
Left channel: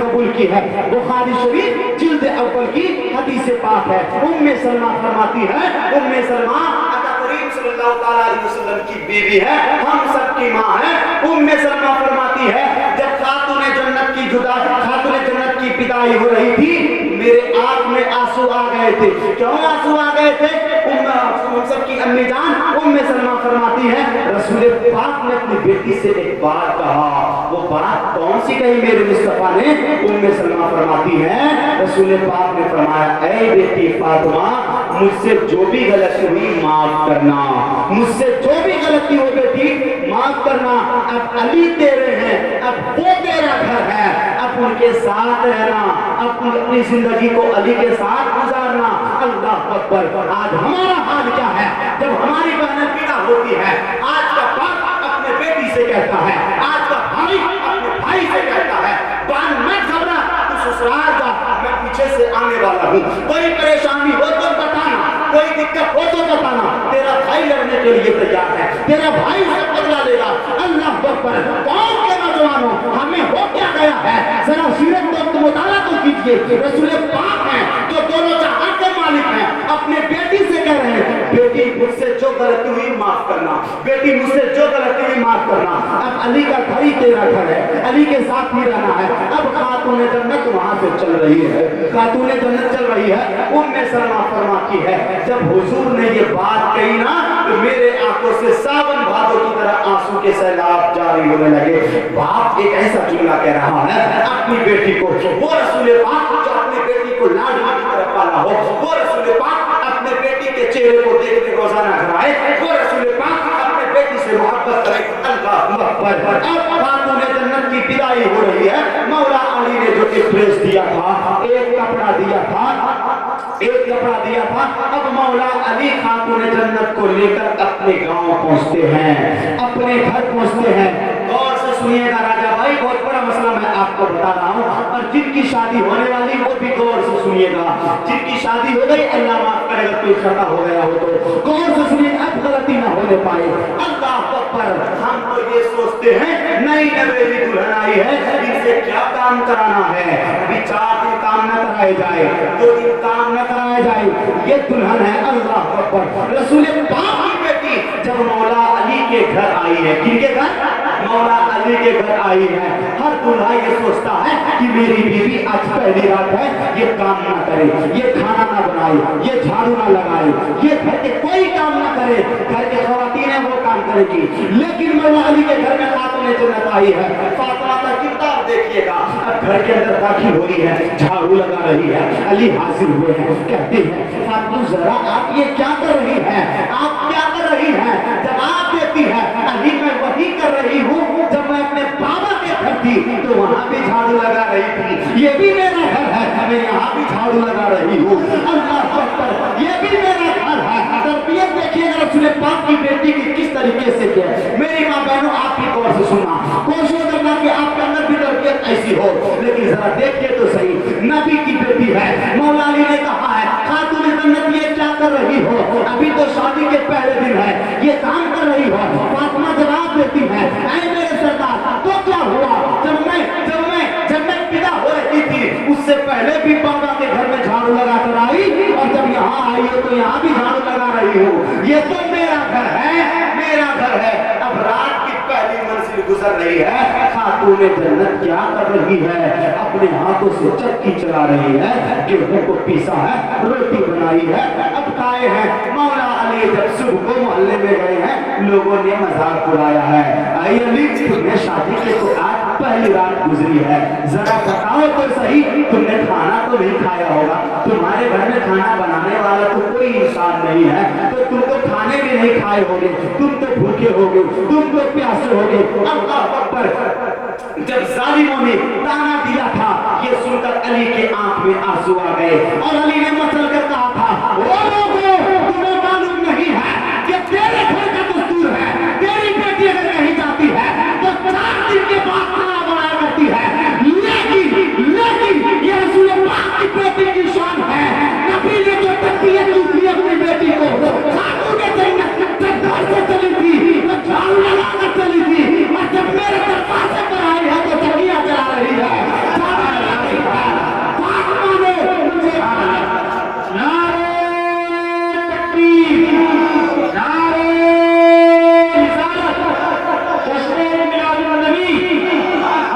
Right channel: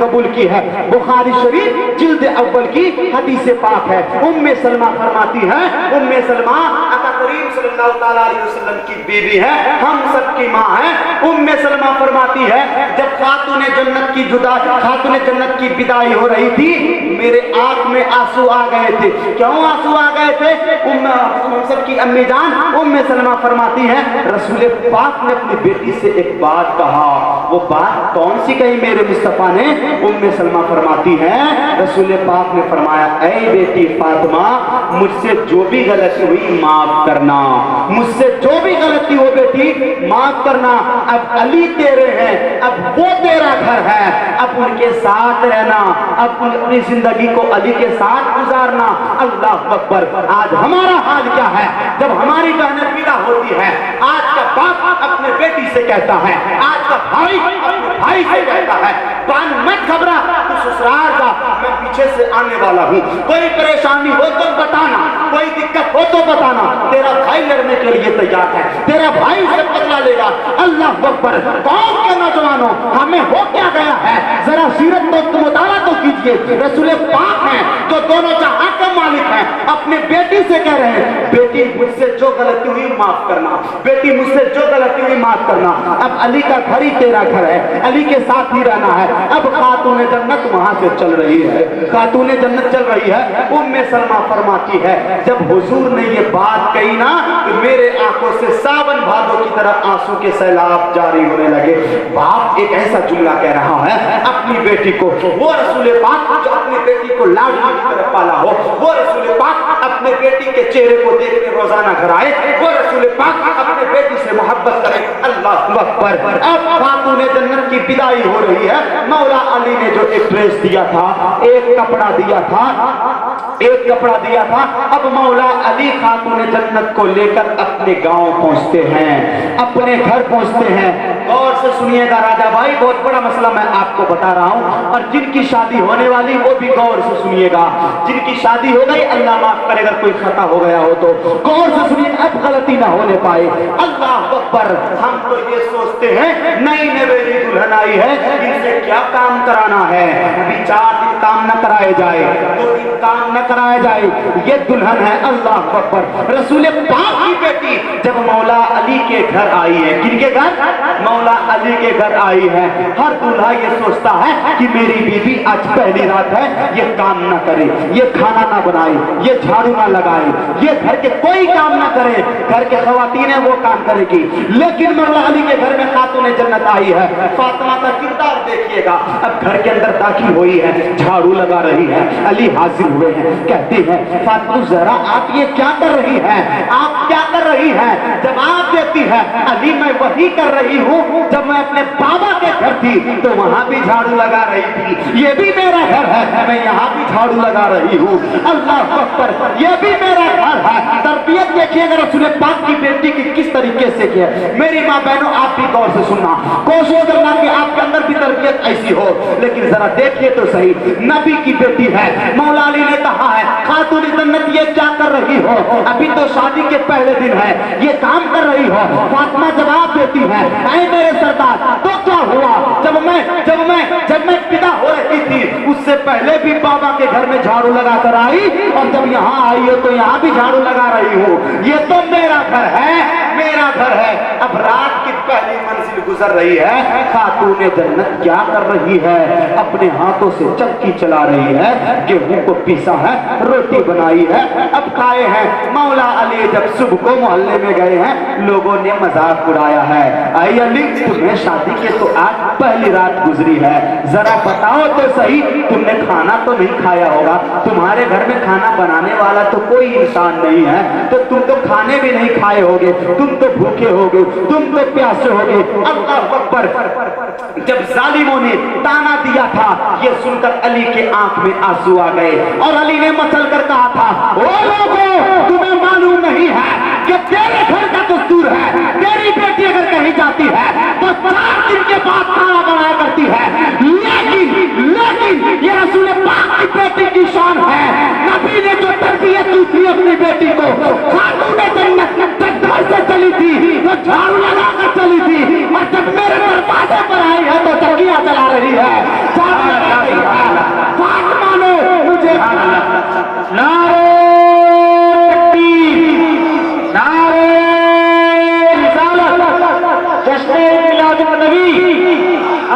قبول کی ہے۔ بخاری شریف جلد اول کی حدیث پاک ہے۔ ام سلمہ فرماتی ہے، ام سلمہ آقا کریم صلی اللہ تعالیٰ علیہ وسلم کی بیوی ہے، ہم سب کی ماں ہے۔ ام سلمہ فرماتی ہے جب خاتون جنت کی بدائی ہو رہی تھی میرے آنکھ میں آنسو آ گئے تھے۔ کیوں آنسو آ گئے تھے؟ ہم سب کی امی جان ام سلمہ فرماتی ہے رسول پاک نے اپنی بیٹی سے ایک بات کہا۔ وہ بات کون سی کہی میرے مصطفیٰ نے؟ ام سلمہ فرماتی ہے رسول پاک نے فرمایا اے بیٹی فاطمہ مجھ سے جو بھی غلطی ہوئی معاف کرنا، مجھ سے جو بھی غلطی ہو بیٹی معاف کرنا، اب علی تیرے ہیں، اب وہ تیرا گھر ہے، اب ان کے ساتھ رہنا، اب اپنی زندگی کو علی کے ساتھ گزارنا۔ اللہ اکبر۔ آج ہمارا حال کیا ہے؟ جب ہماری بہنیں پیدا ہوتی ہے، آج کا باپ اپنے بیٹی سے کہتا ہے، آج کا بھائی اپنے بھائی سے کہتا ہے، بہن مت گھبرا، تو سسرال کا میں پیچھے سے آنے والا ہوں، کوئی پریشانی ہو تو بتانا، کوئی دقت ہو تو بتانا، تیرا بھائی لڑنے کے لیے تیار ہے، تیرا بھائی سے بدلہ لے گا۔ اللہ اکبر۔ قوم کے نوجوانوں، ہمیں ہو کیا گیا ہے؟ ذرا سیرت کو مطالعہ تو کیجیے۔ رسول پاک ہیں جو دونوں جہاں کے مالک ہیں، اپنے بیٹی سے کہہ رہے ہیں، بیٹی مجھ سے جو غلطی ہوئی معاف کرنا، بیٹی مجھ سے جو غلطی ہوئی معاف کرنا۔ اب علی کا گھر ہی تیرا گھر ہے، علی کے ساتھ ہی رہنا ہے۔ اب خاتون جنت وہاں سے چل رہی ہے، خاتون جنت چل رہی ہے۔ ام سلمہ فرماتی ہے، جب حضور نے یہ بات کہی نا، تو میرے آنکھوں سے ساون بھادو کی طرح آنسو کے سیلاب جاری ہونے لگے۔ باپ ایک ایسا جملہ کہہ رہا ہے اپنی بیٹی کو، وہ رسول پاک جو اپنی بیٹی کو لاڈلی کی طرح پالا ہو، وہ رسول پاک اپنے بیٹی کے چہرے کو دیکھنے روزانہ گھر آئے، وہ رسول پاک اپنے بیٹی سے محبت کرے۔ اللہ اکبر۔ اب خاتون جنت کی بدائی ہو رہی ہے۔ مولا علی نے جو ایک ڈریس دیا تھا، ایک کپڑا دیا تھا، ایک کپڑا دیا تھا، اب مولا علی خاتون جنت کو لے کر اپنے گاؤں پہنچتے ہیں، اپنے گھر پہنچتے ہیں۔ غور سے سنیے گا راجہ بھائی، بہت بڑا مسئلہ میں آپ کو بتا رہا ہوں، اور جن کی شادی ہونے والی وہ بھی غور سے سنیے گا، جن کی شادی ہو گئی اللہ معاف کرے گا کوئی خطا ہو گیا ہو تو غور سے سنیے، اب غلطی نہ ہونے پائے۔ اللہ اکبر۔ ہم تو یہ سوچتے ہیں نئی نویلی دلہن آئی ہے، ان سے کیا کام کرانا ہے، ابھی 4 دن کام نہ کرائے جائے، 2 دن کام نہ کرائے جائے، یہ دلہن ہے۔ اللہ اکبر۔ رسول پاک کی بیٹی جب مولا علی کے گھر آئی ہے، کن کے گھر؟ مولا علی کے گھر آئی ہے۔ ہر دلہا یہ سوچتا ہے کہ میری بیوی آج پہلی رات ہے، یہ کام نہ کرے، یہ کھانا نہ بنائے، یہ جھاڑو نہ لگائے، یہ گھر کے کوئی کام نہ کرے، گھر کے خواتین ہیں وہ کام کرے گی۔ لیکن مولا علی کے گھر میں خاتون جنت آئی ہے، فاطمہ کا کردار دیکھیے گا، اب گھر کے اندر داخل ہوئی ہے، جھاڑو لگا رہی ہے، علی حاضر ہوئے ہیں، کہتی ہے فاطمہ ذرا آپ یہ کیا کر رہی ہیں، آپ کیا کر رہی ہیں؟ جواب دیتی ہے علی میں وہی کر رہی ہوں جب میں اپنے بابا کے گھر تھی تو وہاں بھی جھاڑو لگا رہی تھی، یہ بھی میرا گھر ہے، میں یہاں بھی جھاڑو لگا رہی ہوں۔ اللہ اکبر۔ یہ بھی میرا گھر ہے۔ تربیت دیکھیے گا رسول پاک کی بیٹی کی کس طریقے سے کیا۔ میری ماں بہنوں آپ بھی غور سے سننا، کوشش کرنا کہ آپ کے اندر بھی تربیت ایسی ہو، لیکن ذرا دیکھیے تو صحیح، نبی کی بیٹی ہے، مولا علی نے کہا ہے خاتون جنت یہ کیا کر رہی ہو، ابھی تو شادی کے پہلے دن ہے، یہ کام کر رہی ہو۔ فاطمہ جواب دیتی ہے اے میرے سردار تو کیا ہوا، جب میں پیدا ہو رہی تھی اس سے پہلے بھی بابا کے گھر میں جھاڑو لگا کر آئی، اور جب یہاں آئی ہو تو یہاں بھی جھاڑو لگا رہی ہوں، یہ تو میرا گھر ہے، میرا گھر ہے۔ اب رات کی پہلی منزل گزر رہی ہے، خاتون جنت کیا کر رہی ہے، اپنے ہاتھوں سے چکی چلا رہی ہے، گیہوں کو پیسا ہے، روٹی بنائی ہے، اب کھائے ہیں۔ مولا علی جب صبح کو محلے میں گئے ہیں، لوگوں نے مذاق اڑایا ہے، اے علی تمہیں شادی کے تو آج پہلی رات گزری ہے، ذرا بتاؤ تو صحیح تم نے کھانا تو نہیں کھایا ہوگا، تمہارے گھر میں کھانا بنانے والا تو کوئی انسان نہیں ہے، تو تم تو کھانے بھی نہیں کھائے ہوگے، تم تو بھوکے ہوگے، تم تو پیاسے ہوگے۔ اللہ اکبر۔ جب ظالموں نے تانا دیا تھا یہ سن کر علی کے آنکھ میں آنسو آ گئے، اور علی نے مچل کر کہا تھا او لوگوں تمہیں معلوم نہیں ہے کہ تیرے گھر کا دستور ہے، تیری بیٹی اگر کہیں جاتی ہے تو 4 دن کے بعد کھانا بنایا کرتی ہے، لیکن یہ رسول پاک کی بیٹی کی شان ہے، نبی نے جو تربیت دی اپنی بیٹی کو، خاتون جنت تکبر سے چلی تھی، وہ جھاڑو لگا کر چلی تھی، اور جب میرے دروازے پر آئی ہے تو چکیاں چلا رہی ہے۔ فاطمہ نے مجھے نعرے تکبیر، نعرے رسالت، جشن میلاد النبی،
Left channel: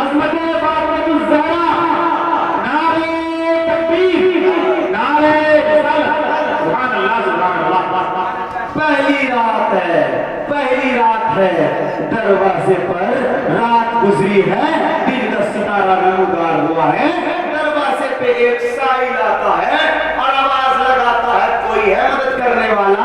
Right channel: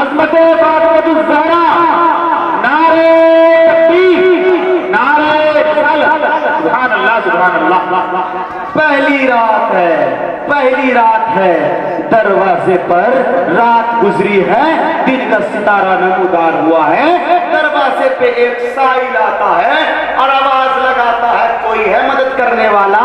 عظمت فاطمہ الزہرا، نعرے تکبیر، نعرے رسالت، سبحان اللہ سبحان اللہ۔ پہلی رات ہے، پہلی رات ہے، دروازے پر رات گزری ہے، دن کا ستارہ نمودار ہوا ہے، دروازے پہ ایک سائل آتا ہے اور آواز لگاتا ہے کوئی ہے مدد کرنے والا؟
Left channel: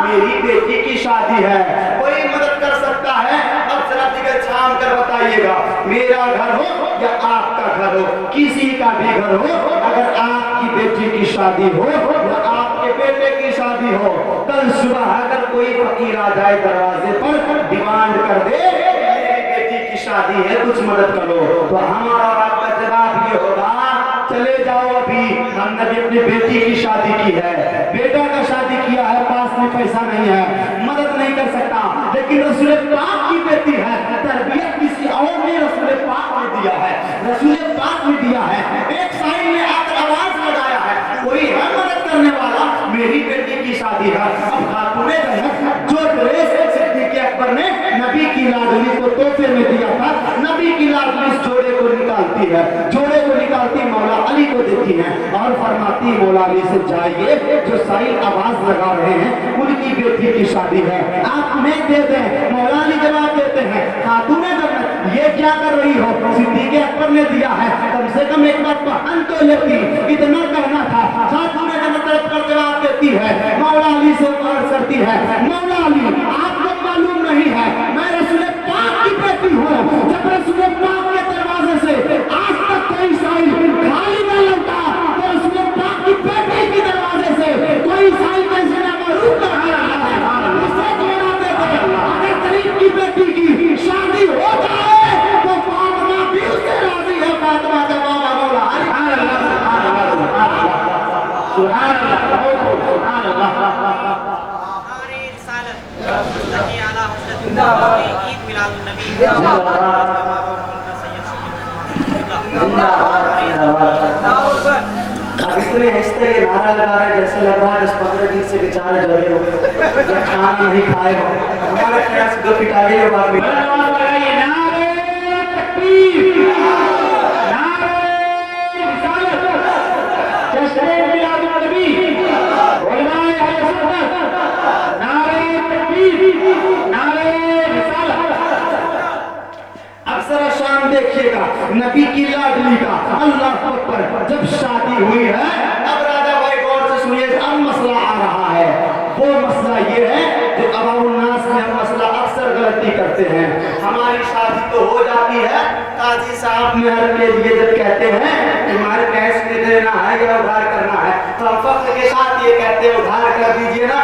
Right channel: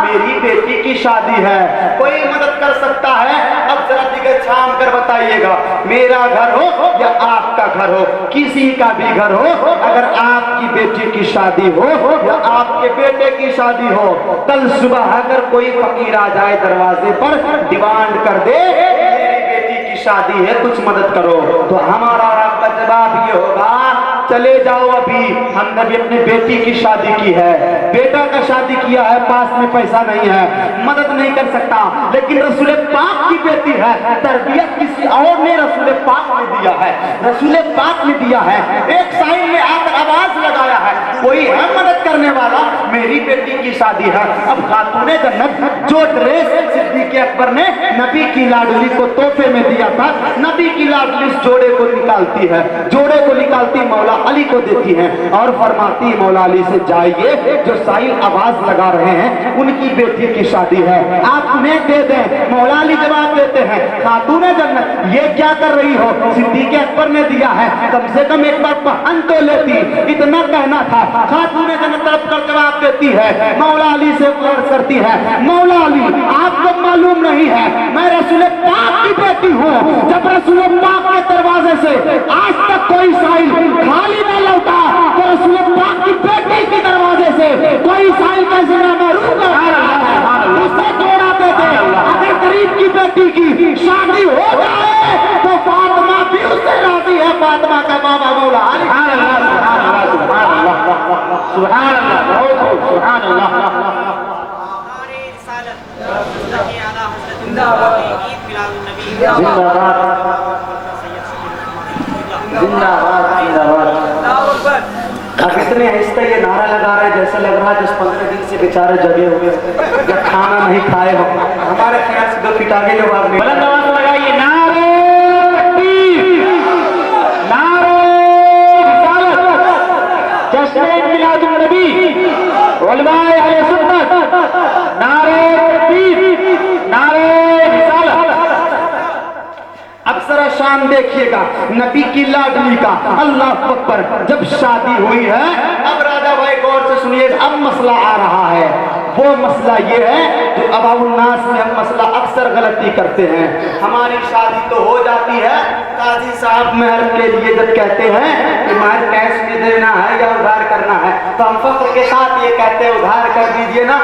میری بیٹی کی شادی ہے، کوئی مدد کر سکتا ہے؟ اب ذرا دیگر چھام کر بتائیے گا، میرا گھر ہو یا آپ کا گھر ہو، کسی کا بھی گھر ہو، اگر آپ کی بیٹی کی شادی ہو یا آپ کے بیٹے کی شادی ہو، کل صبح اگر کوئی فقیر آ جائے دروازے پر ڈیمانڈ کر دے میری بیٹی کی شادی ہے کچھ مدد کرو، تو ہمارا آپ کا جواب یہ ہوگا چلے جاؤ، ابھی ہم نے بھی اپنی بیٹی کی شادی کی ہے، بیٹا کا شادی کیا ہے، پاس میں پیسہ نہیں ہے، مدد نہیں کر سکتا، لیکن رسول پاک کی بیٹی ہے، تربیت کسی اور نے رسول پاک نے دیا ہے، رسول پاک نے دیا ہے۔ ایک سائل نے آ کر آواز لگایا ہے کوئی ہے مدد کرنے والا؟ میری بیٹی کی شادی ہے۔ اب خاتون جنت جو ڈریس صدیق اکبر نے نبی کی لاڈلی کو تحفے میں دیا تھا، نبی کی لاڈلی اس جوڑے کو نکالتی ہے، جوڑے کو نکالتی مولا علی کو دیتی ہے اور فرماتی مولا علی سے جائیے جو سائل آواز لگا رہے ہیں ان کی بیٹی کی شادی ہے، آپ انہیں دے دیں۔ مولا علی جواب دیتے ہیں خاتون جنت یہ کیا کر رہی ہو؟ صدیق اکبر نے دیا ہے، کم سے کم ایک بار پہن تو لیتی، اتنا کہنا تھا۔ خاتون جنت طرف کا جواب دیتی ہے، مولا علی سے عرض کرتی ہے مولا علی آپ کو معلوم نہیں ہے میں رسول پاک کی بیٹی ہوں، جب رسول پاک کے دروازے سے آج تک کوئی سائل خالی نہ لوٹا تو رسول پاک کی بیٹی کے دروازے سے کوئی سائل کیسے نہ محروم رہا ہے، اسے توڑا دیتے۔ اگر غریب کی بیٹی کی شادی ہو جائے تو فاطمہ بھی اس سے راضی ہے، فاطمہ کا بابا مولا علی۔ سبحان اللہ سبحان اللہ۔ ہماری رسالت زکی اعلیٰ حضرت عید میلاد النبی اتنے آہستہ یہ نعرہ لگا رہا ہے جیسے لگ رہا ہے 10-15 دن سے بیچارے جگے ہوئے یا کھانا نہیں کھائے ہو، ہمارے خیال سے 2 فٹ آگے لوگ آدمی بلند آواز لگائیے نعرہ تکبیر، نعرہ رسالت، جشن میلاد النبی، علماء اہل سنت، نعرہ تکبیر، نعرہ رسالت۔ اب ذرا شان دیکھیے گا نبی کی لاڈلی کا، اللہ اکبر، جب شادی ہوئی ہے اب راجہ بھائی غور سے سنیے، اب مسئلہ آ رہا ہے، وہ مسئلہ یہ ہے جو عوام الناس میں ہم مسئلہ اکثر غلطی کرتے ہیں۔ ہماری شادی تو ہو جاتی ہے، قاضی صاحب مہر کے لیے جب کہتے ہیں کہ مہر کیش میں دینا ہے یا ادھار کرنا ہے تو ہم فخر کے ساتھ یہ کہتے ہیں ادھار کر دیجئے نا۔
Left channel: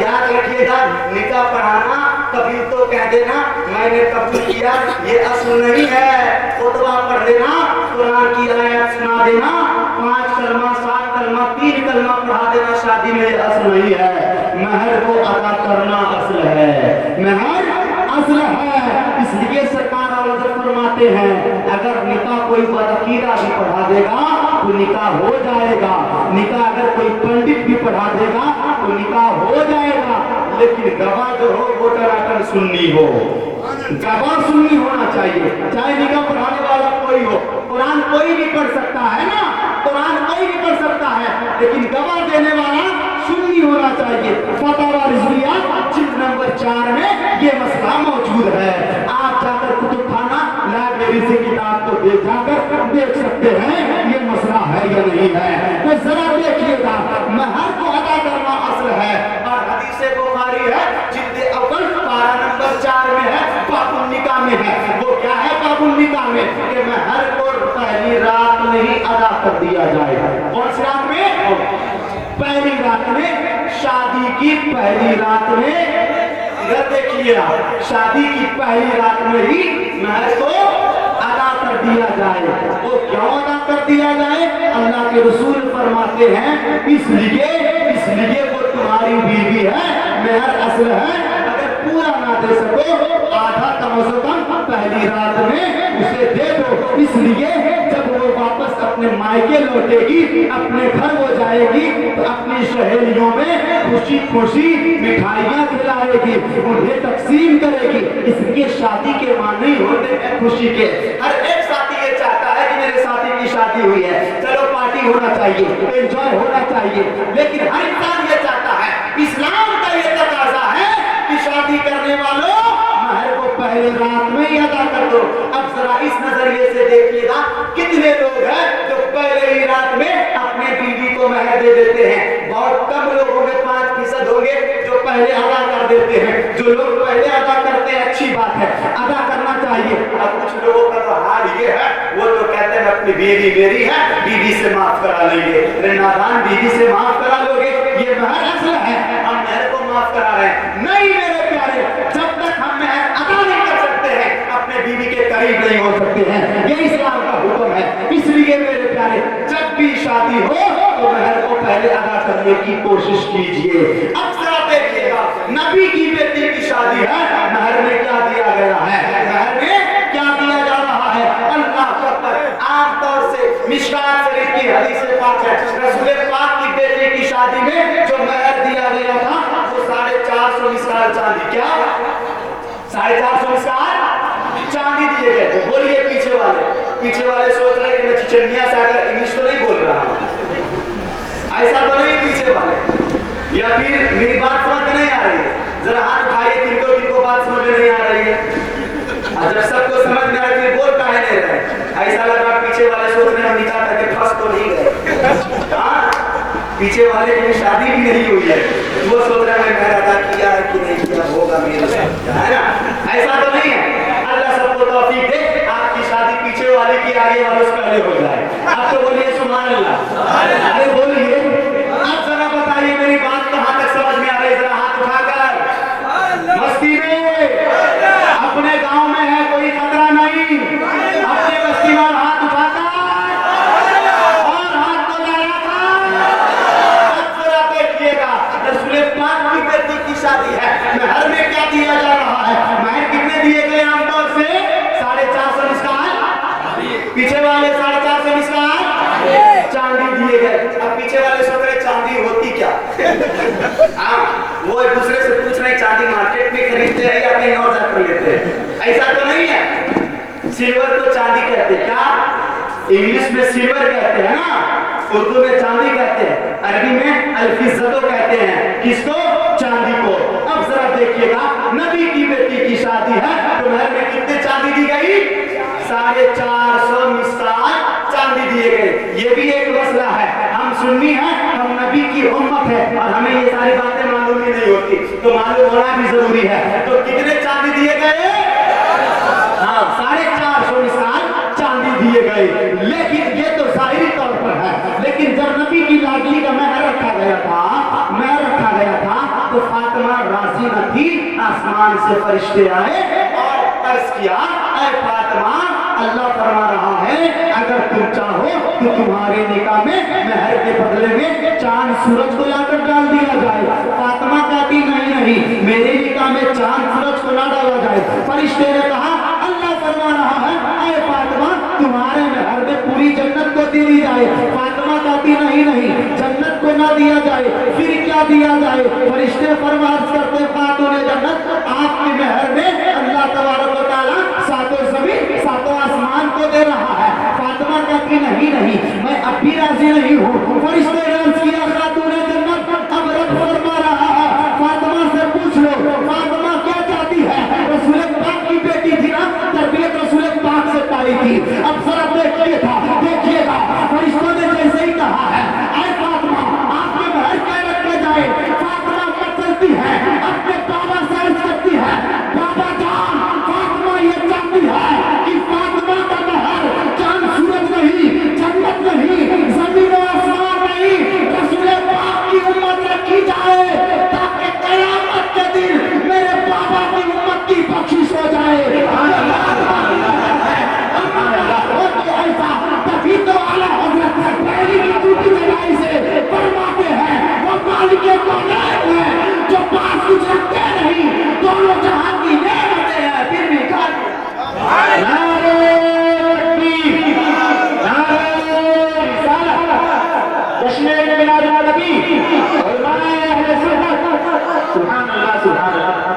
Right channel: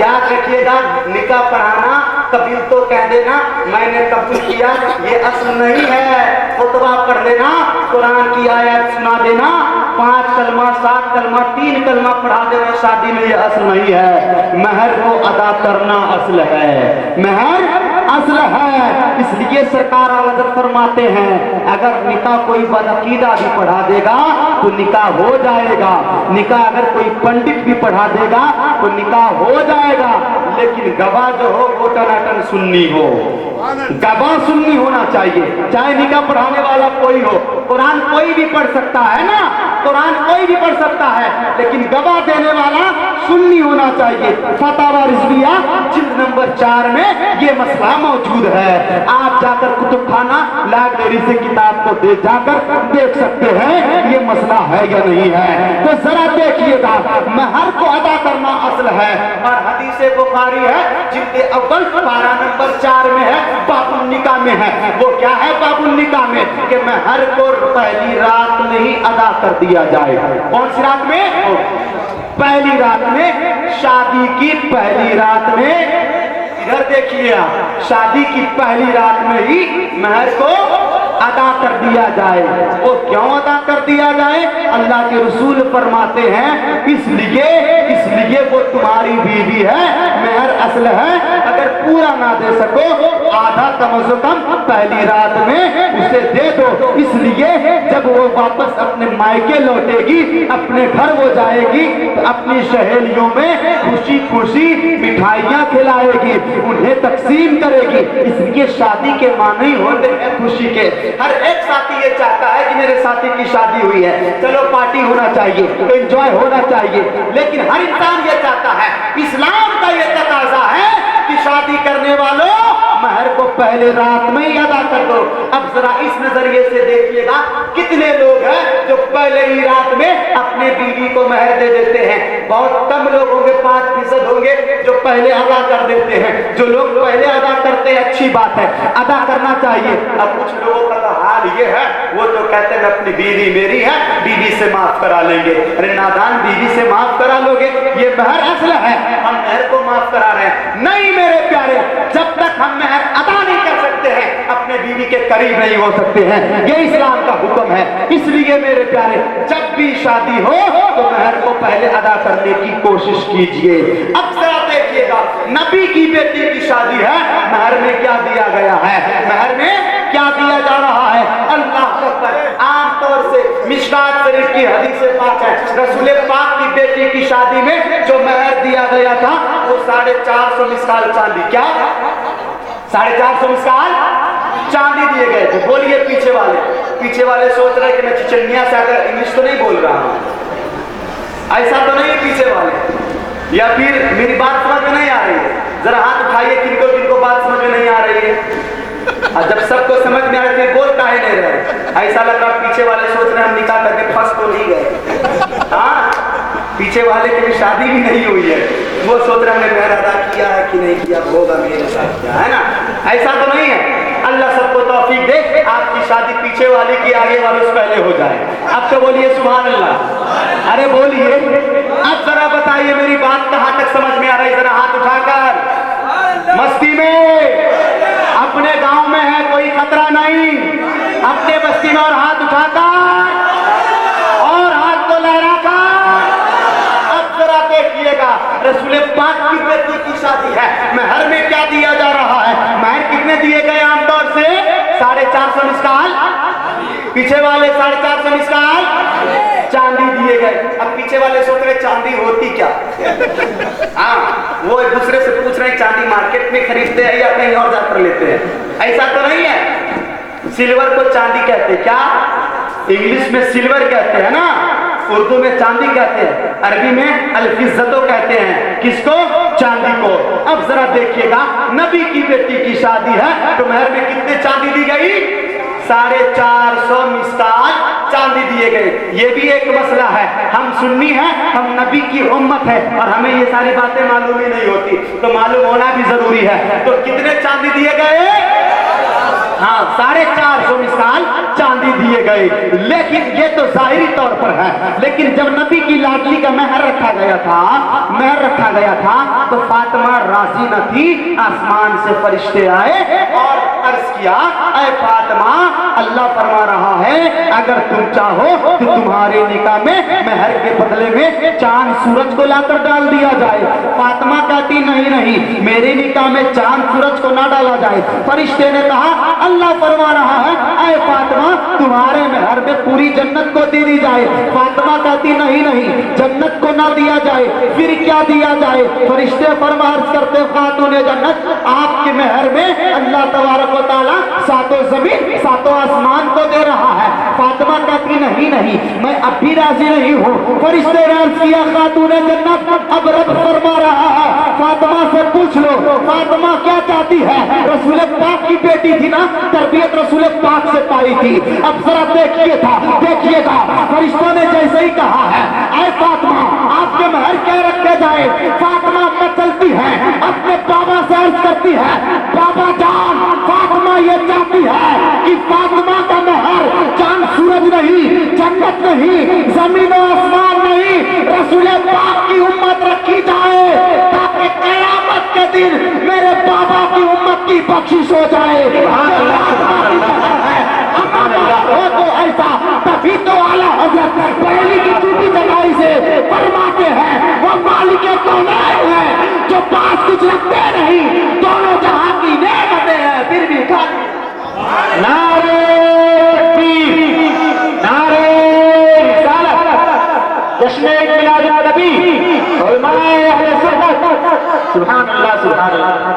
یاد رکھیے گا نکاح پڑھانا قبول تو کہہ دینا میں نے قبول کیا یہ اصل نہیں ہے، خطبہ پڑھ دینا، قرآن کی آیت سنا دینا، 5 کلمہ 7 کلمہ 3 کلمہ پڑھا دینا شادی میں یہ اصل نہیں ہے، مہر کو ادا کرنا اصل ہے، مہر اصل ہے۔ اس لیے سرکار حضرت فرماتے ہیں اگر نکاح کوئی بدعقیدہ بھی پڑھا دے گا تو نکاح ہو جائے گا، نکاح اگر کوئی پنڈت بھی پڑھا دے گا تو نکاح ہو جائے گا، لیکن گواہ جو ہو وہ ٹناٹن سنی ہو، گواہ سنی ہونا چاہیے، چاہے نکاح پڑھانے والا کوئی ہو، قرآن کوئی بھی پڑھ سکتا ہے نا، قرآن کوئی بھی پڑھ سکتا ہے، لیکن گواہ دینے والا سنی ہونا چاہیے۔ فتاوی رضویہ جلد نمبر 4 میں یہ مسئلہ موجود ہے، آپ جا کر کتب خانہ لائبریری سے کتاب کو جا کر دیکھ سکتے ہیں یہ مسئلہ ہے یا نہیں ہے۔ تو ذرا دیکھیے گا مہر کو ادا کرنا اصل ہے، اور حدیث بخاری ہے جلد اول پارہ نمبر 4 میں ہے، باب النکاح میں ہے، وہ کیا ہے باب النکاح میں کہ مہر کو پہلی رات میں ہی ادا کر دیا جائے۔ کون سی رات میں؟ پہلی رات میں، شادی کی پہلی رات میں، ادھر دیکھیے شادی کی پہلی رات میں ہی مہر کو ادا کر دیا جائے۔ وہ کیوں ادا کر دیا جائے؟ اللہ کے رسول فرماتے ہیں اس لیے وہ تمہاری بیوی ہے، مہر اصل ہے، اگر پورا نہ دے سکو آدھا کم از کم پہلی رات میں اسے دے دو، اس لیے جب وہ واپس اپنے مائکے لوٹے گی، اپنے گھر وہ جائے گی تو اپنی سہیلیوں میں خوشی خوشی مٹھائیاں کھلائے گی، انہیں تقسیم کرے گی۔ اس لیے شادی کے معنی ہوتے ہیں خوشی کے۔ ہر ایک ساتھی یہ چاہتا ہے کہ میرے ساتھی کی شادی ہوئی ہے، چلو پارٹی ہونا چاہیے، انجوائے ہونا چاہیے، لیکن ہر انسان یہ چاہتا ہے، اسلام کا یہ تقاضا ہے کہ شادی کرنے والوں مہر کو پہلے رات میں ہی ادا کر دو۔ اب ذرا اس نظریے سے دیکھیے گا کتنے لوگ ہیں جو پہلے ہی رات میں اپنے بیوی کو مہر دے دیتے ہیں، بہت کم لوگ ہوں گے لوگ ہیں جو پہلے ادا کر دیتے ہیں. جو لوگ پہلے ادا کرتے ہیں اچھی بات ہے, ادا کرنا چاہیے. اب کچھ لوگوں کا تو حال یہ ہے, وہ تو کہتے ہیں اپنی بیوی میری ہے, بیوی سے معاف کرا لیں گے. ارے نادان, بیوی سے معاف کرا لو گے, یہ مہر اصل ہے, ہم مہر کو معاف کرا رہے ہیں. نہیں میرے پیارے, جب تک ہم مہر ادا نہیں کر سکتے ہیں اپنے بیوی کے قریب نہیں ہو سکتے ہیں. یہ اسلام کا حکم ہے. اس لیے میرے پیارے, جب بھی شادی ہو تو مہر کو پہلے ادا کرنے کی کوشش کیجئے. اب ذرا دیکھیے گا, نبی کی بیٹی کی شادی ہے, مہر میں کیا دیا گیا ہے, مہر میں کیا دیا جا رہا ہے. اللہ اکبر. عام طور سے مشکات شریف کی حدیث پاک ہے, رسول پاک کی بیٹی کی شادی میں جو مہر دیا گیا تھا وہ 450 مسکال چاندی. کیا 450 مسکال چاندی دیے گئے تھے. بولیے پیچھے والے سوچ رہے کہ میں چچنیا سے اگر انگلش تو نہیں بول رہا ہوں, ایسا تو نہیں پیچھے والے, یا پھر میری بات سمجھ میں نہیں آ رہی ہے. ذرا ہاتھ اٹھائیے جن کو بات سمجھ میں نہیں آ رہی ہے. جب سب کو سمجھ میں آ رہی ہے بول کاہے نہیں رہے. ایسا لگ رہا پیچھے والے سوچ رہے ہیں ہم نکاح کر کے پھنس تو نہیں گئے. ہاں, پیچھے والے کی شادی بھی نہیں ہوئی ہے, وہ سوچ رہے ہیں میں ادا کیا ہے کہ نہیں کیا, ہوگا میرے ساتھ کیا ہے نا. ایسا تو نہیں ہے. اللہ سب کو توفیق دے, آپ کی شادی پیچھے والے کی آگے والے سے پہلے ہو جائے. اب تو بولیے سبحان اللہ. ارے بولیے. اب ذرا بتائیے میری بات کہاں تک سمجھ میں آ رہی ہے, ذرا ہاتھ اٹھا کر. مستی میں اپنے گاؤں میں ہے کوئی خطرہ نہیں, اپنے بستی میں ہاتھ اٹھا کر اور ہاتھ کو لہرا کر. اب ذرا دیکھیے گا, رسول پاک کی بیٹی کی شادی ہے, مہر میں کیا دیا جا رہا ہے. مہر کتنے دیے گئے عام طور سے 450 مسکال, پیچھے والے 450 مسکال چاندی دیے گئے. اب پیچھے والے سوچ رہے چاندی ہوتی کیا. ہاں, وہ ایک دوسرے سے پوچھ رہے چاندی مارکیٹ میں خریدتے ہیں یا کہیں اور جا کر لیتے ہیں. ایسا تو نہیں ہے. سلور کو چاندی کہتے ہیں. کیا انگلش میں سلور کہتے ہیں نا, اردو میں چاندی کہتے ہیں, عربی میں الفضتو کہتے ہیں. کس کو, چاندی کو. اب ذرا دیکھیے گا, نبی کی بیٹی کی شادی ہے تو مہر میں کتنے چاندی دی گئی, 450 مسکال چاندی دیے گئے. یہ بھی ایک مسئلہ ہے. ہم سنی ہیں, ہم نبی کی امت ہے اور ہمیں یہ ساری باتیں معلوم ہی نہیں ہوتی, تو معلوم ہونا بھی ضروری ہے. تو کتنے چاندی دیے گئے, ہاں 450 مسکال چاندی دیے گئے. لیکن یہ تو ظاہری طور پر ہے, لیکن جب نبی کی لاڈلی کا مہر رکھا گیا تھا تو فاطمہ راضی نہ تھی. آسمان سے فرشتے آئے اور عرض کیا, اے فاطمہ, اللہ فرما رہا ہے اگر تم چاہو تو تمہارے نکاح میں مہر کے بدلے میں چاند سورج کو لا کر ڈال دیا جائے. فاطمہ کہتی نہیں, میرے نکاح میں چاند سورج کو نہ ڈالا جائے. فرشتے نے کہا اللہ فرما رہا ہے اے فاطمہ تمہارے مہر میں پوری جنت کو دے دی جائے. فاطمہ کہتی نہیں, جنت کو نہ دیا جائے, پھر کیا دیا جائے. فرشتے عرض کرتے خاتون جنت, آپ کے مہر میں اللہ تبارک و تعالیٰ 7 زمین 7 آسمان کو دے رہا ہے. فاطمہ کہتی نہیں, میں اب بھی راضی نہیں ہوں. فرشتے نے عرض کیا خاتون جنت اب رب فرما رہا ہے فاطمہ سے پوچھ لو فاطمہ کیا چاہتی ہے. رسول پاک کی بیٹی تھی نا, تربیت رسول پاک سے پائی تھی. اب ذرا دیکھیے گا, فرشتوں نے جیسے ہی کہا ہے اے فاطمہ آپ کے مہر کیا رکھے جائے. فاطمہ چلتی ہے, اپنے بابا سے عرض کرتی ہے, بابا جان فاطمہ یہ چاہتی ہے کہ فاطمہ کا مہر چاند سورج نہیں, جنت نہیں, زمین و آسمان نہیں, رسول پاک کی امت رکھی جائے تاکہ قیامت کے دن میرے بابا کی امت کی بخشش ہو جائے. تو ایسا تبھی تو اعلیٰ حضرت پہلی کی ڈیوٹی جگائی سے فرماتے ہیں وہ مالک کونین ہے جو پاس کچھ رکھتے نہیں, دونوں جہاں کی نعمتیں ہیں پھر بھی کھاتے. نعرہ تکبیر, نعرہ رسالت, جشن میلاد النبی, علماء اہل سنت, سبحان اللہ.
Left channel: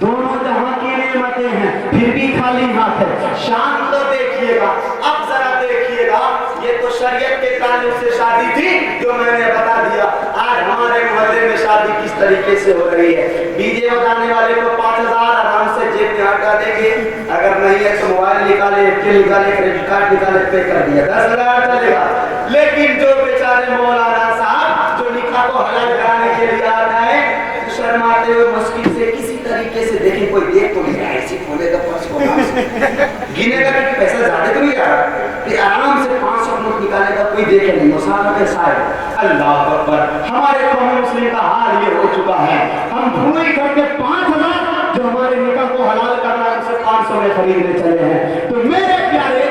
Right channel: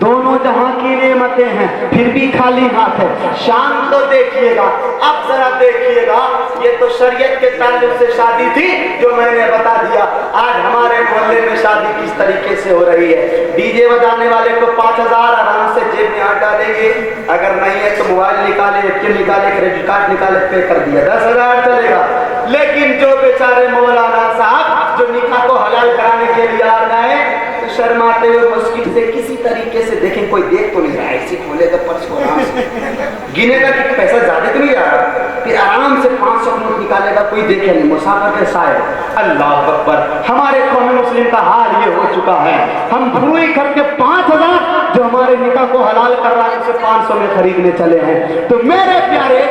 دونوں جہاں کی نعمتیں ہیں پھر بھی خالی ہاتھ ہے. شان تو دیکھیے گا. اب ذرا دیکھیے گا, یہ تو شریعت کے تعلق سے شادی تھی جو میں نے بتا دیا. آج ہمارے محلے میں شادی کس طریقے سے ہو رہی ہے. ڈی جے بجانے والے کو 5000 آرام سے جیب میں ہٹا دیں گے, اگر نہیں ہے تو موبائل نکالے, نکالے, کریڈٹ کارڈ نکالے, پے کر دیا 10,000 چلے گا. لیکن جو بیچارے مولانا صاحب جو نکاح کو حلال کرانے کے لیے آ جائیں گنے گا کہ پیسہ زیادہ تو نہیں آ رہا کہ آرام سے 500 نوٹ نکالے گا کوئی دیکھے نہیں مسافہ پیسہ ہے. اللہ اکبر. ہمارے قوم مسلم کا حال یہ ہو چکا ہے ہم بھوئی کر کے 5000 جو ہمارے نکاح کو حلال کر رہا ہے اسے 500 میں خریدنے چلے ہیں. تو میرے پیارے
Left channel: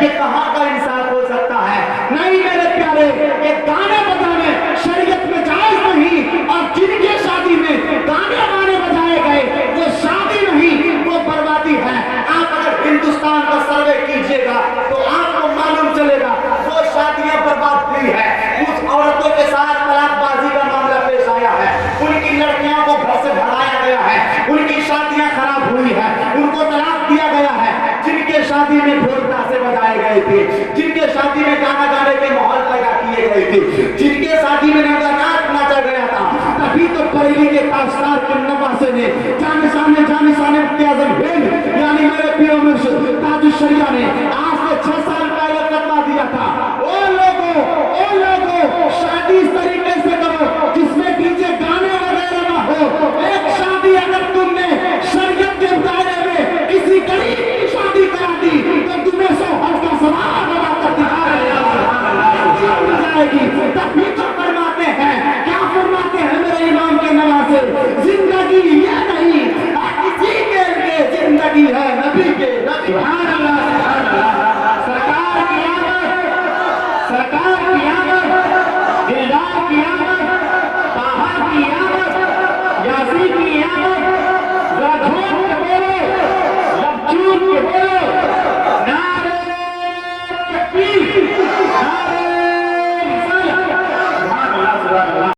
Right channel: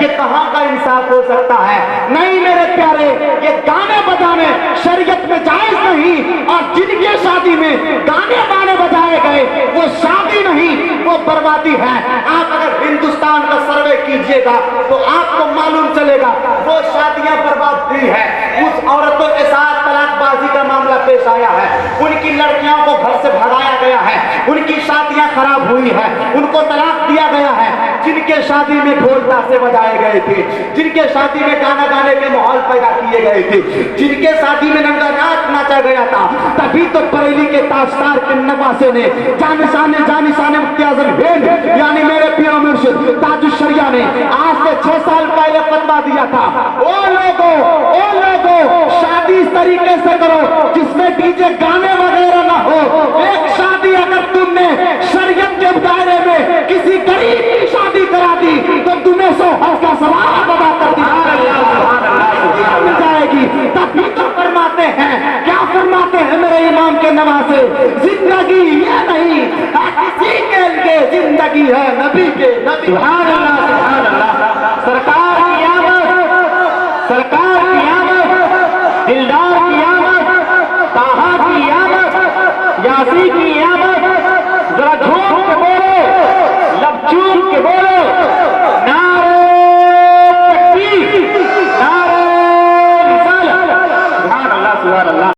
یہ کہاں کا انصاف ہو سکتا ہے؟ نہیں میرے پیارے, یہ گانے بجانے شریعت میں جائز نہیں, اور جن کے شادی میں گانے بانے بجائے گئے وہ شادی نہیں وہ بربادی ہے. آپ اگر ہندوستان کا سروے کیجئے گا تو آپ کو معلوم چلے گا وہ شادیاں برباد ہوئی ہے. اس عورتوں کے ساتھ طلاق بازی کا معاملہ پیش آیا ہے, ان کی لڑکیوں کو گھر سے بھگایا گیا ہے, ان کی شادیاں خراب ہوئی ہے, ان کو طلاق دیا گیا ہے. جن کے شادی میں ڈھول تاشے بجائے گئے تھے, جن کے شادی میں گانا گانے کے ماحول پیدا کیے گئے تھے, جن کے شادی میں ننگا ناچ ناچا گیا تھا, تبھی تو بریلی کے تاجدار کے نواسے نے جانشان مفتی اعظم ہند یعنی میرے پیر مرشد تاج الشریعہ نے آج سے 6 سال پہلے فتویٰ دیا تھا, او لوگوں شادی اس طریقے سے کرو جس میں ڈیجے گانے وغیرہ نہ ہو. ایک شادی اگر تم نے شریعت کے دائرے میں کسی غریب کی شادی کرا دی تو تمہیں 100 حج کا ثواب بنا کر دی جائے گی. تبھی تو فرماتے ہیں, کیا فرماتے ہیں میرے امام کے نواسے, زندگی یہ نہیں کسی کے لیے زندگی ہے نبی کے. سبحان اللہ سبحان اللہ. سرکار کی آمد, دلدار کی آمد, طٰہٰ کی آمد, یاسین کی آمد. ذرا جھوم کے بولو, لب چوم کے بولو,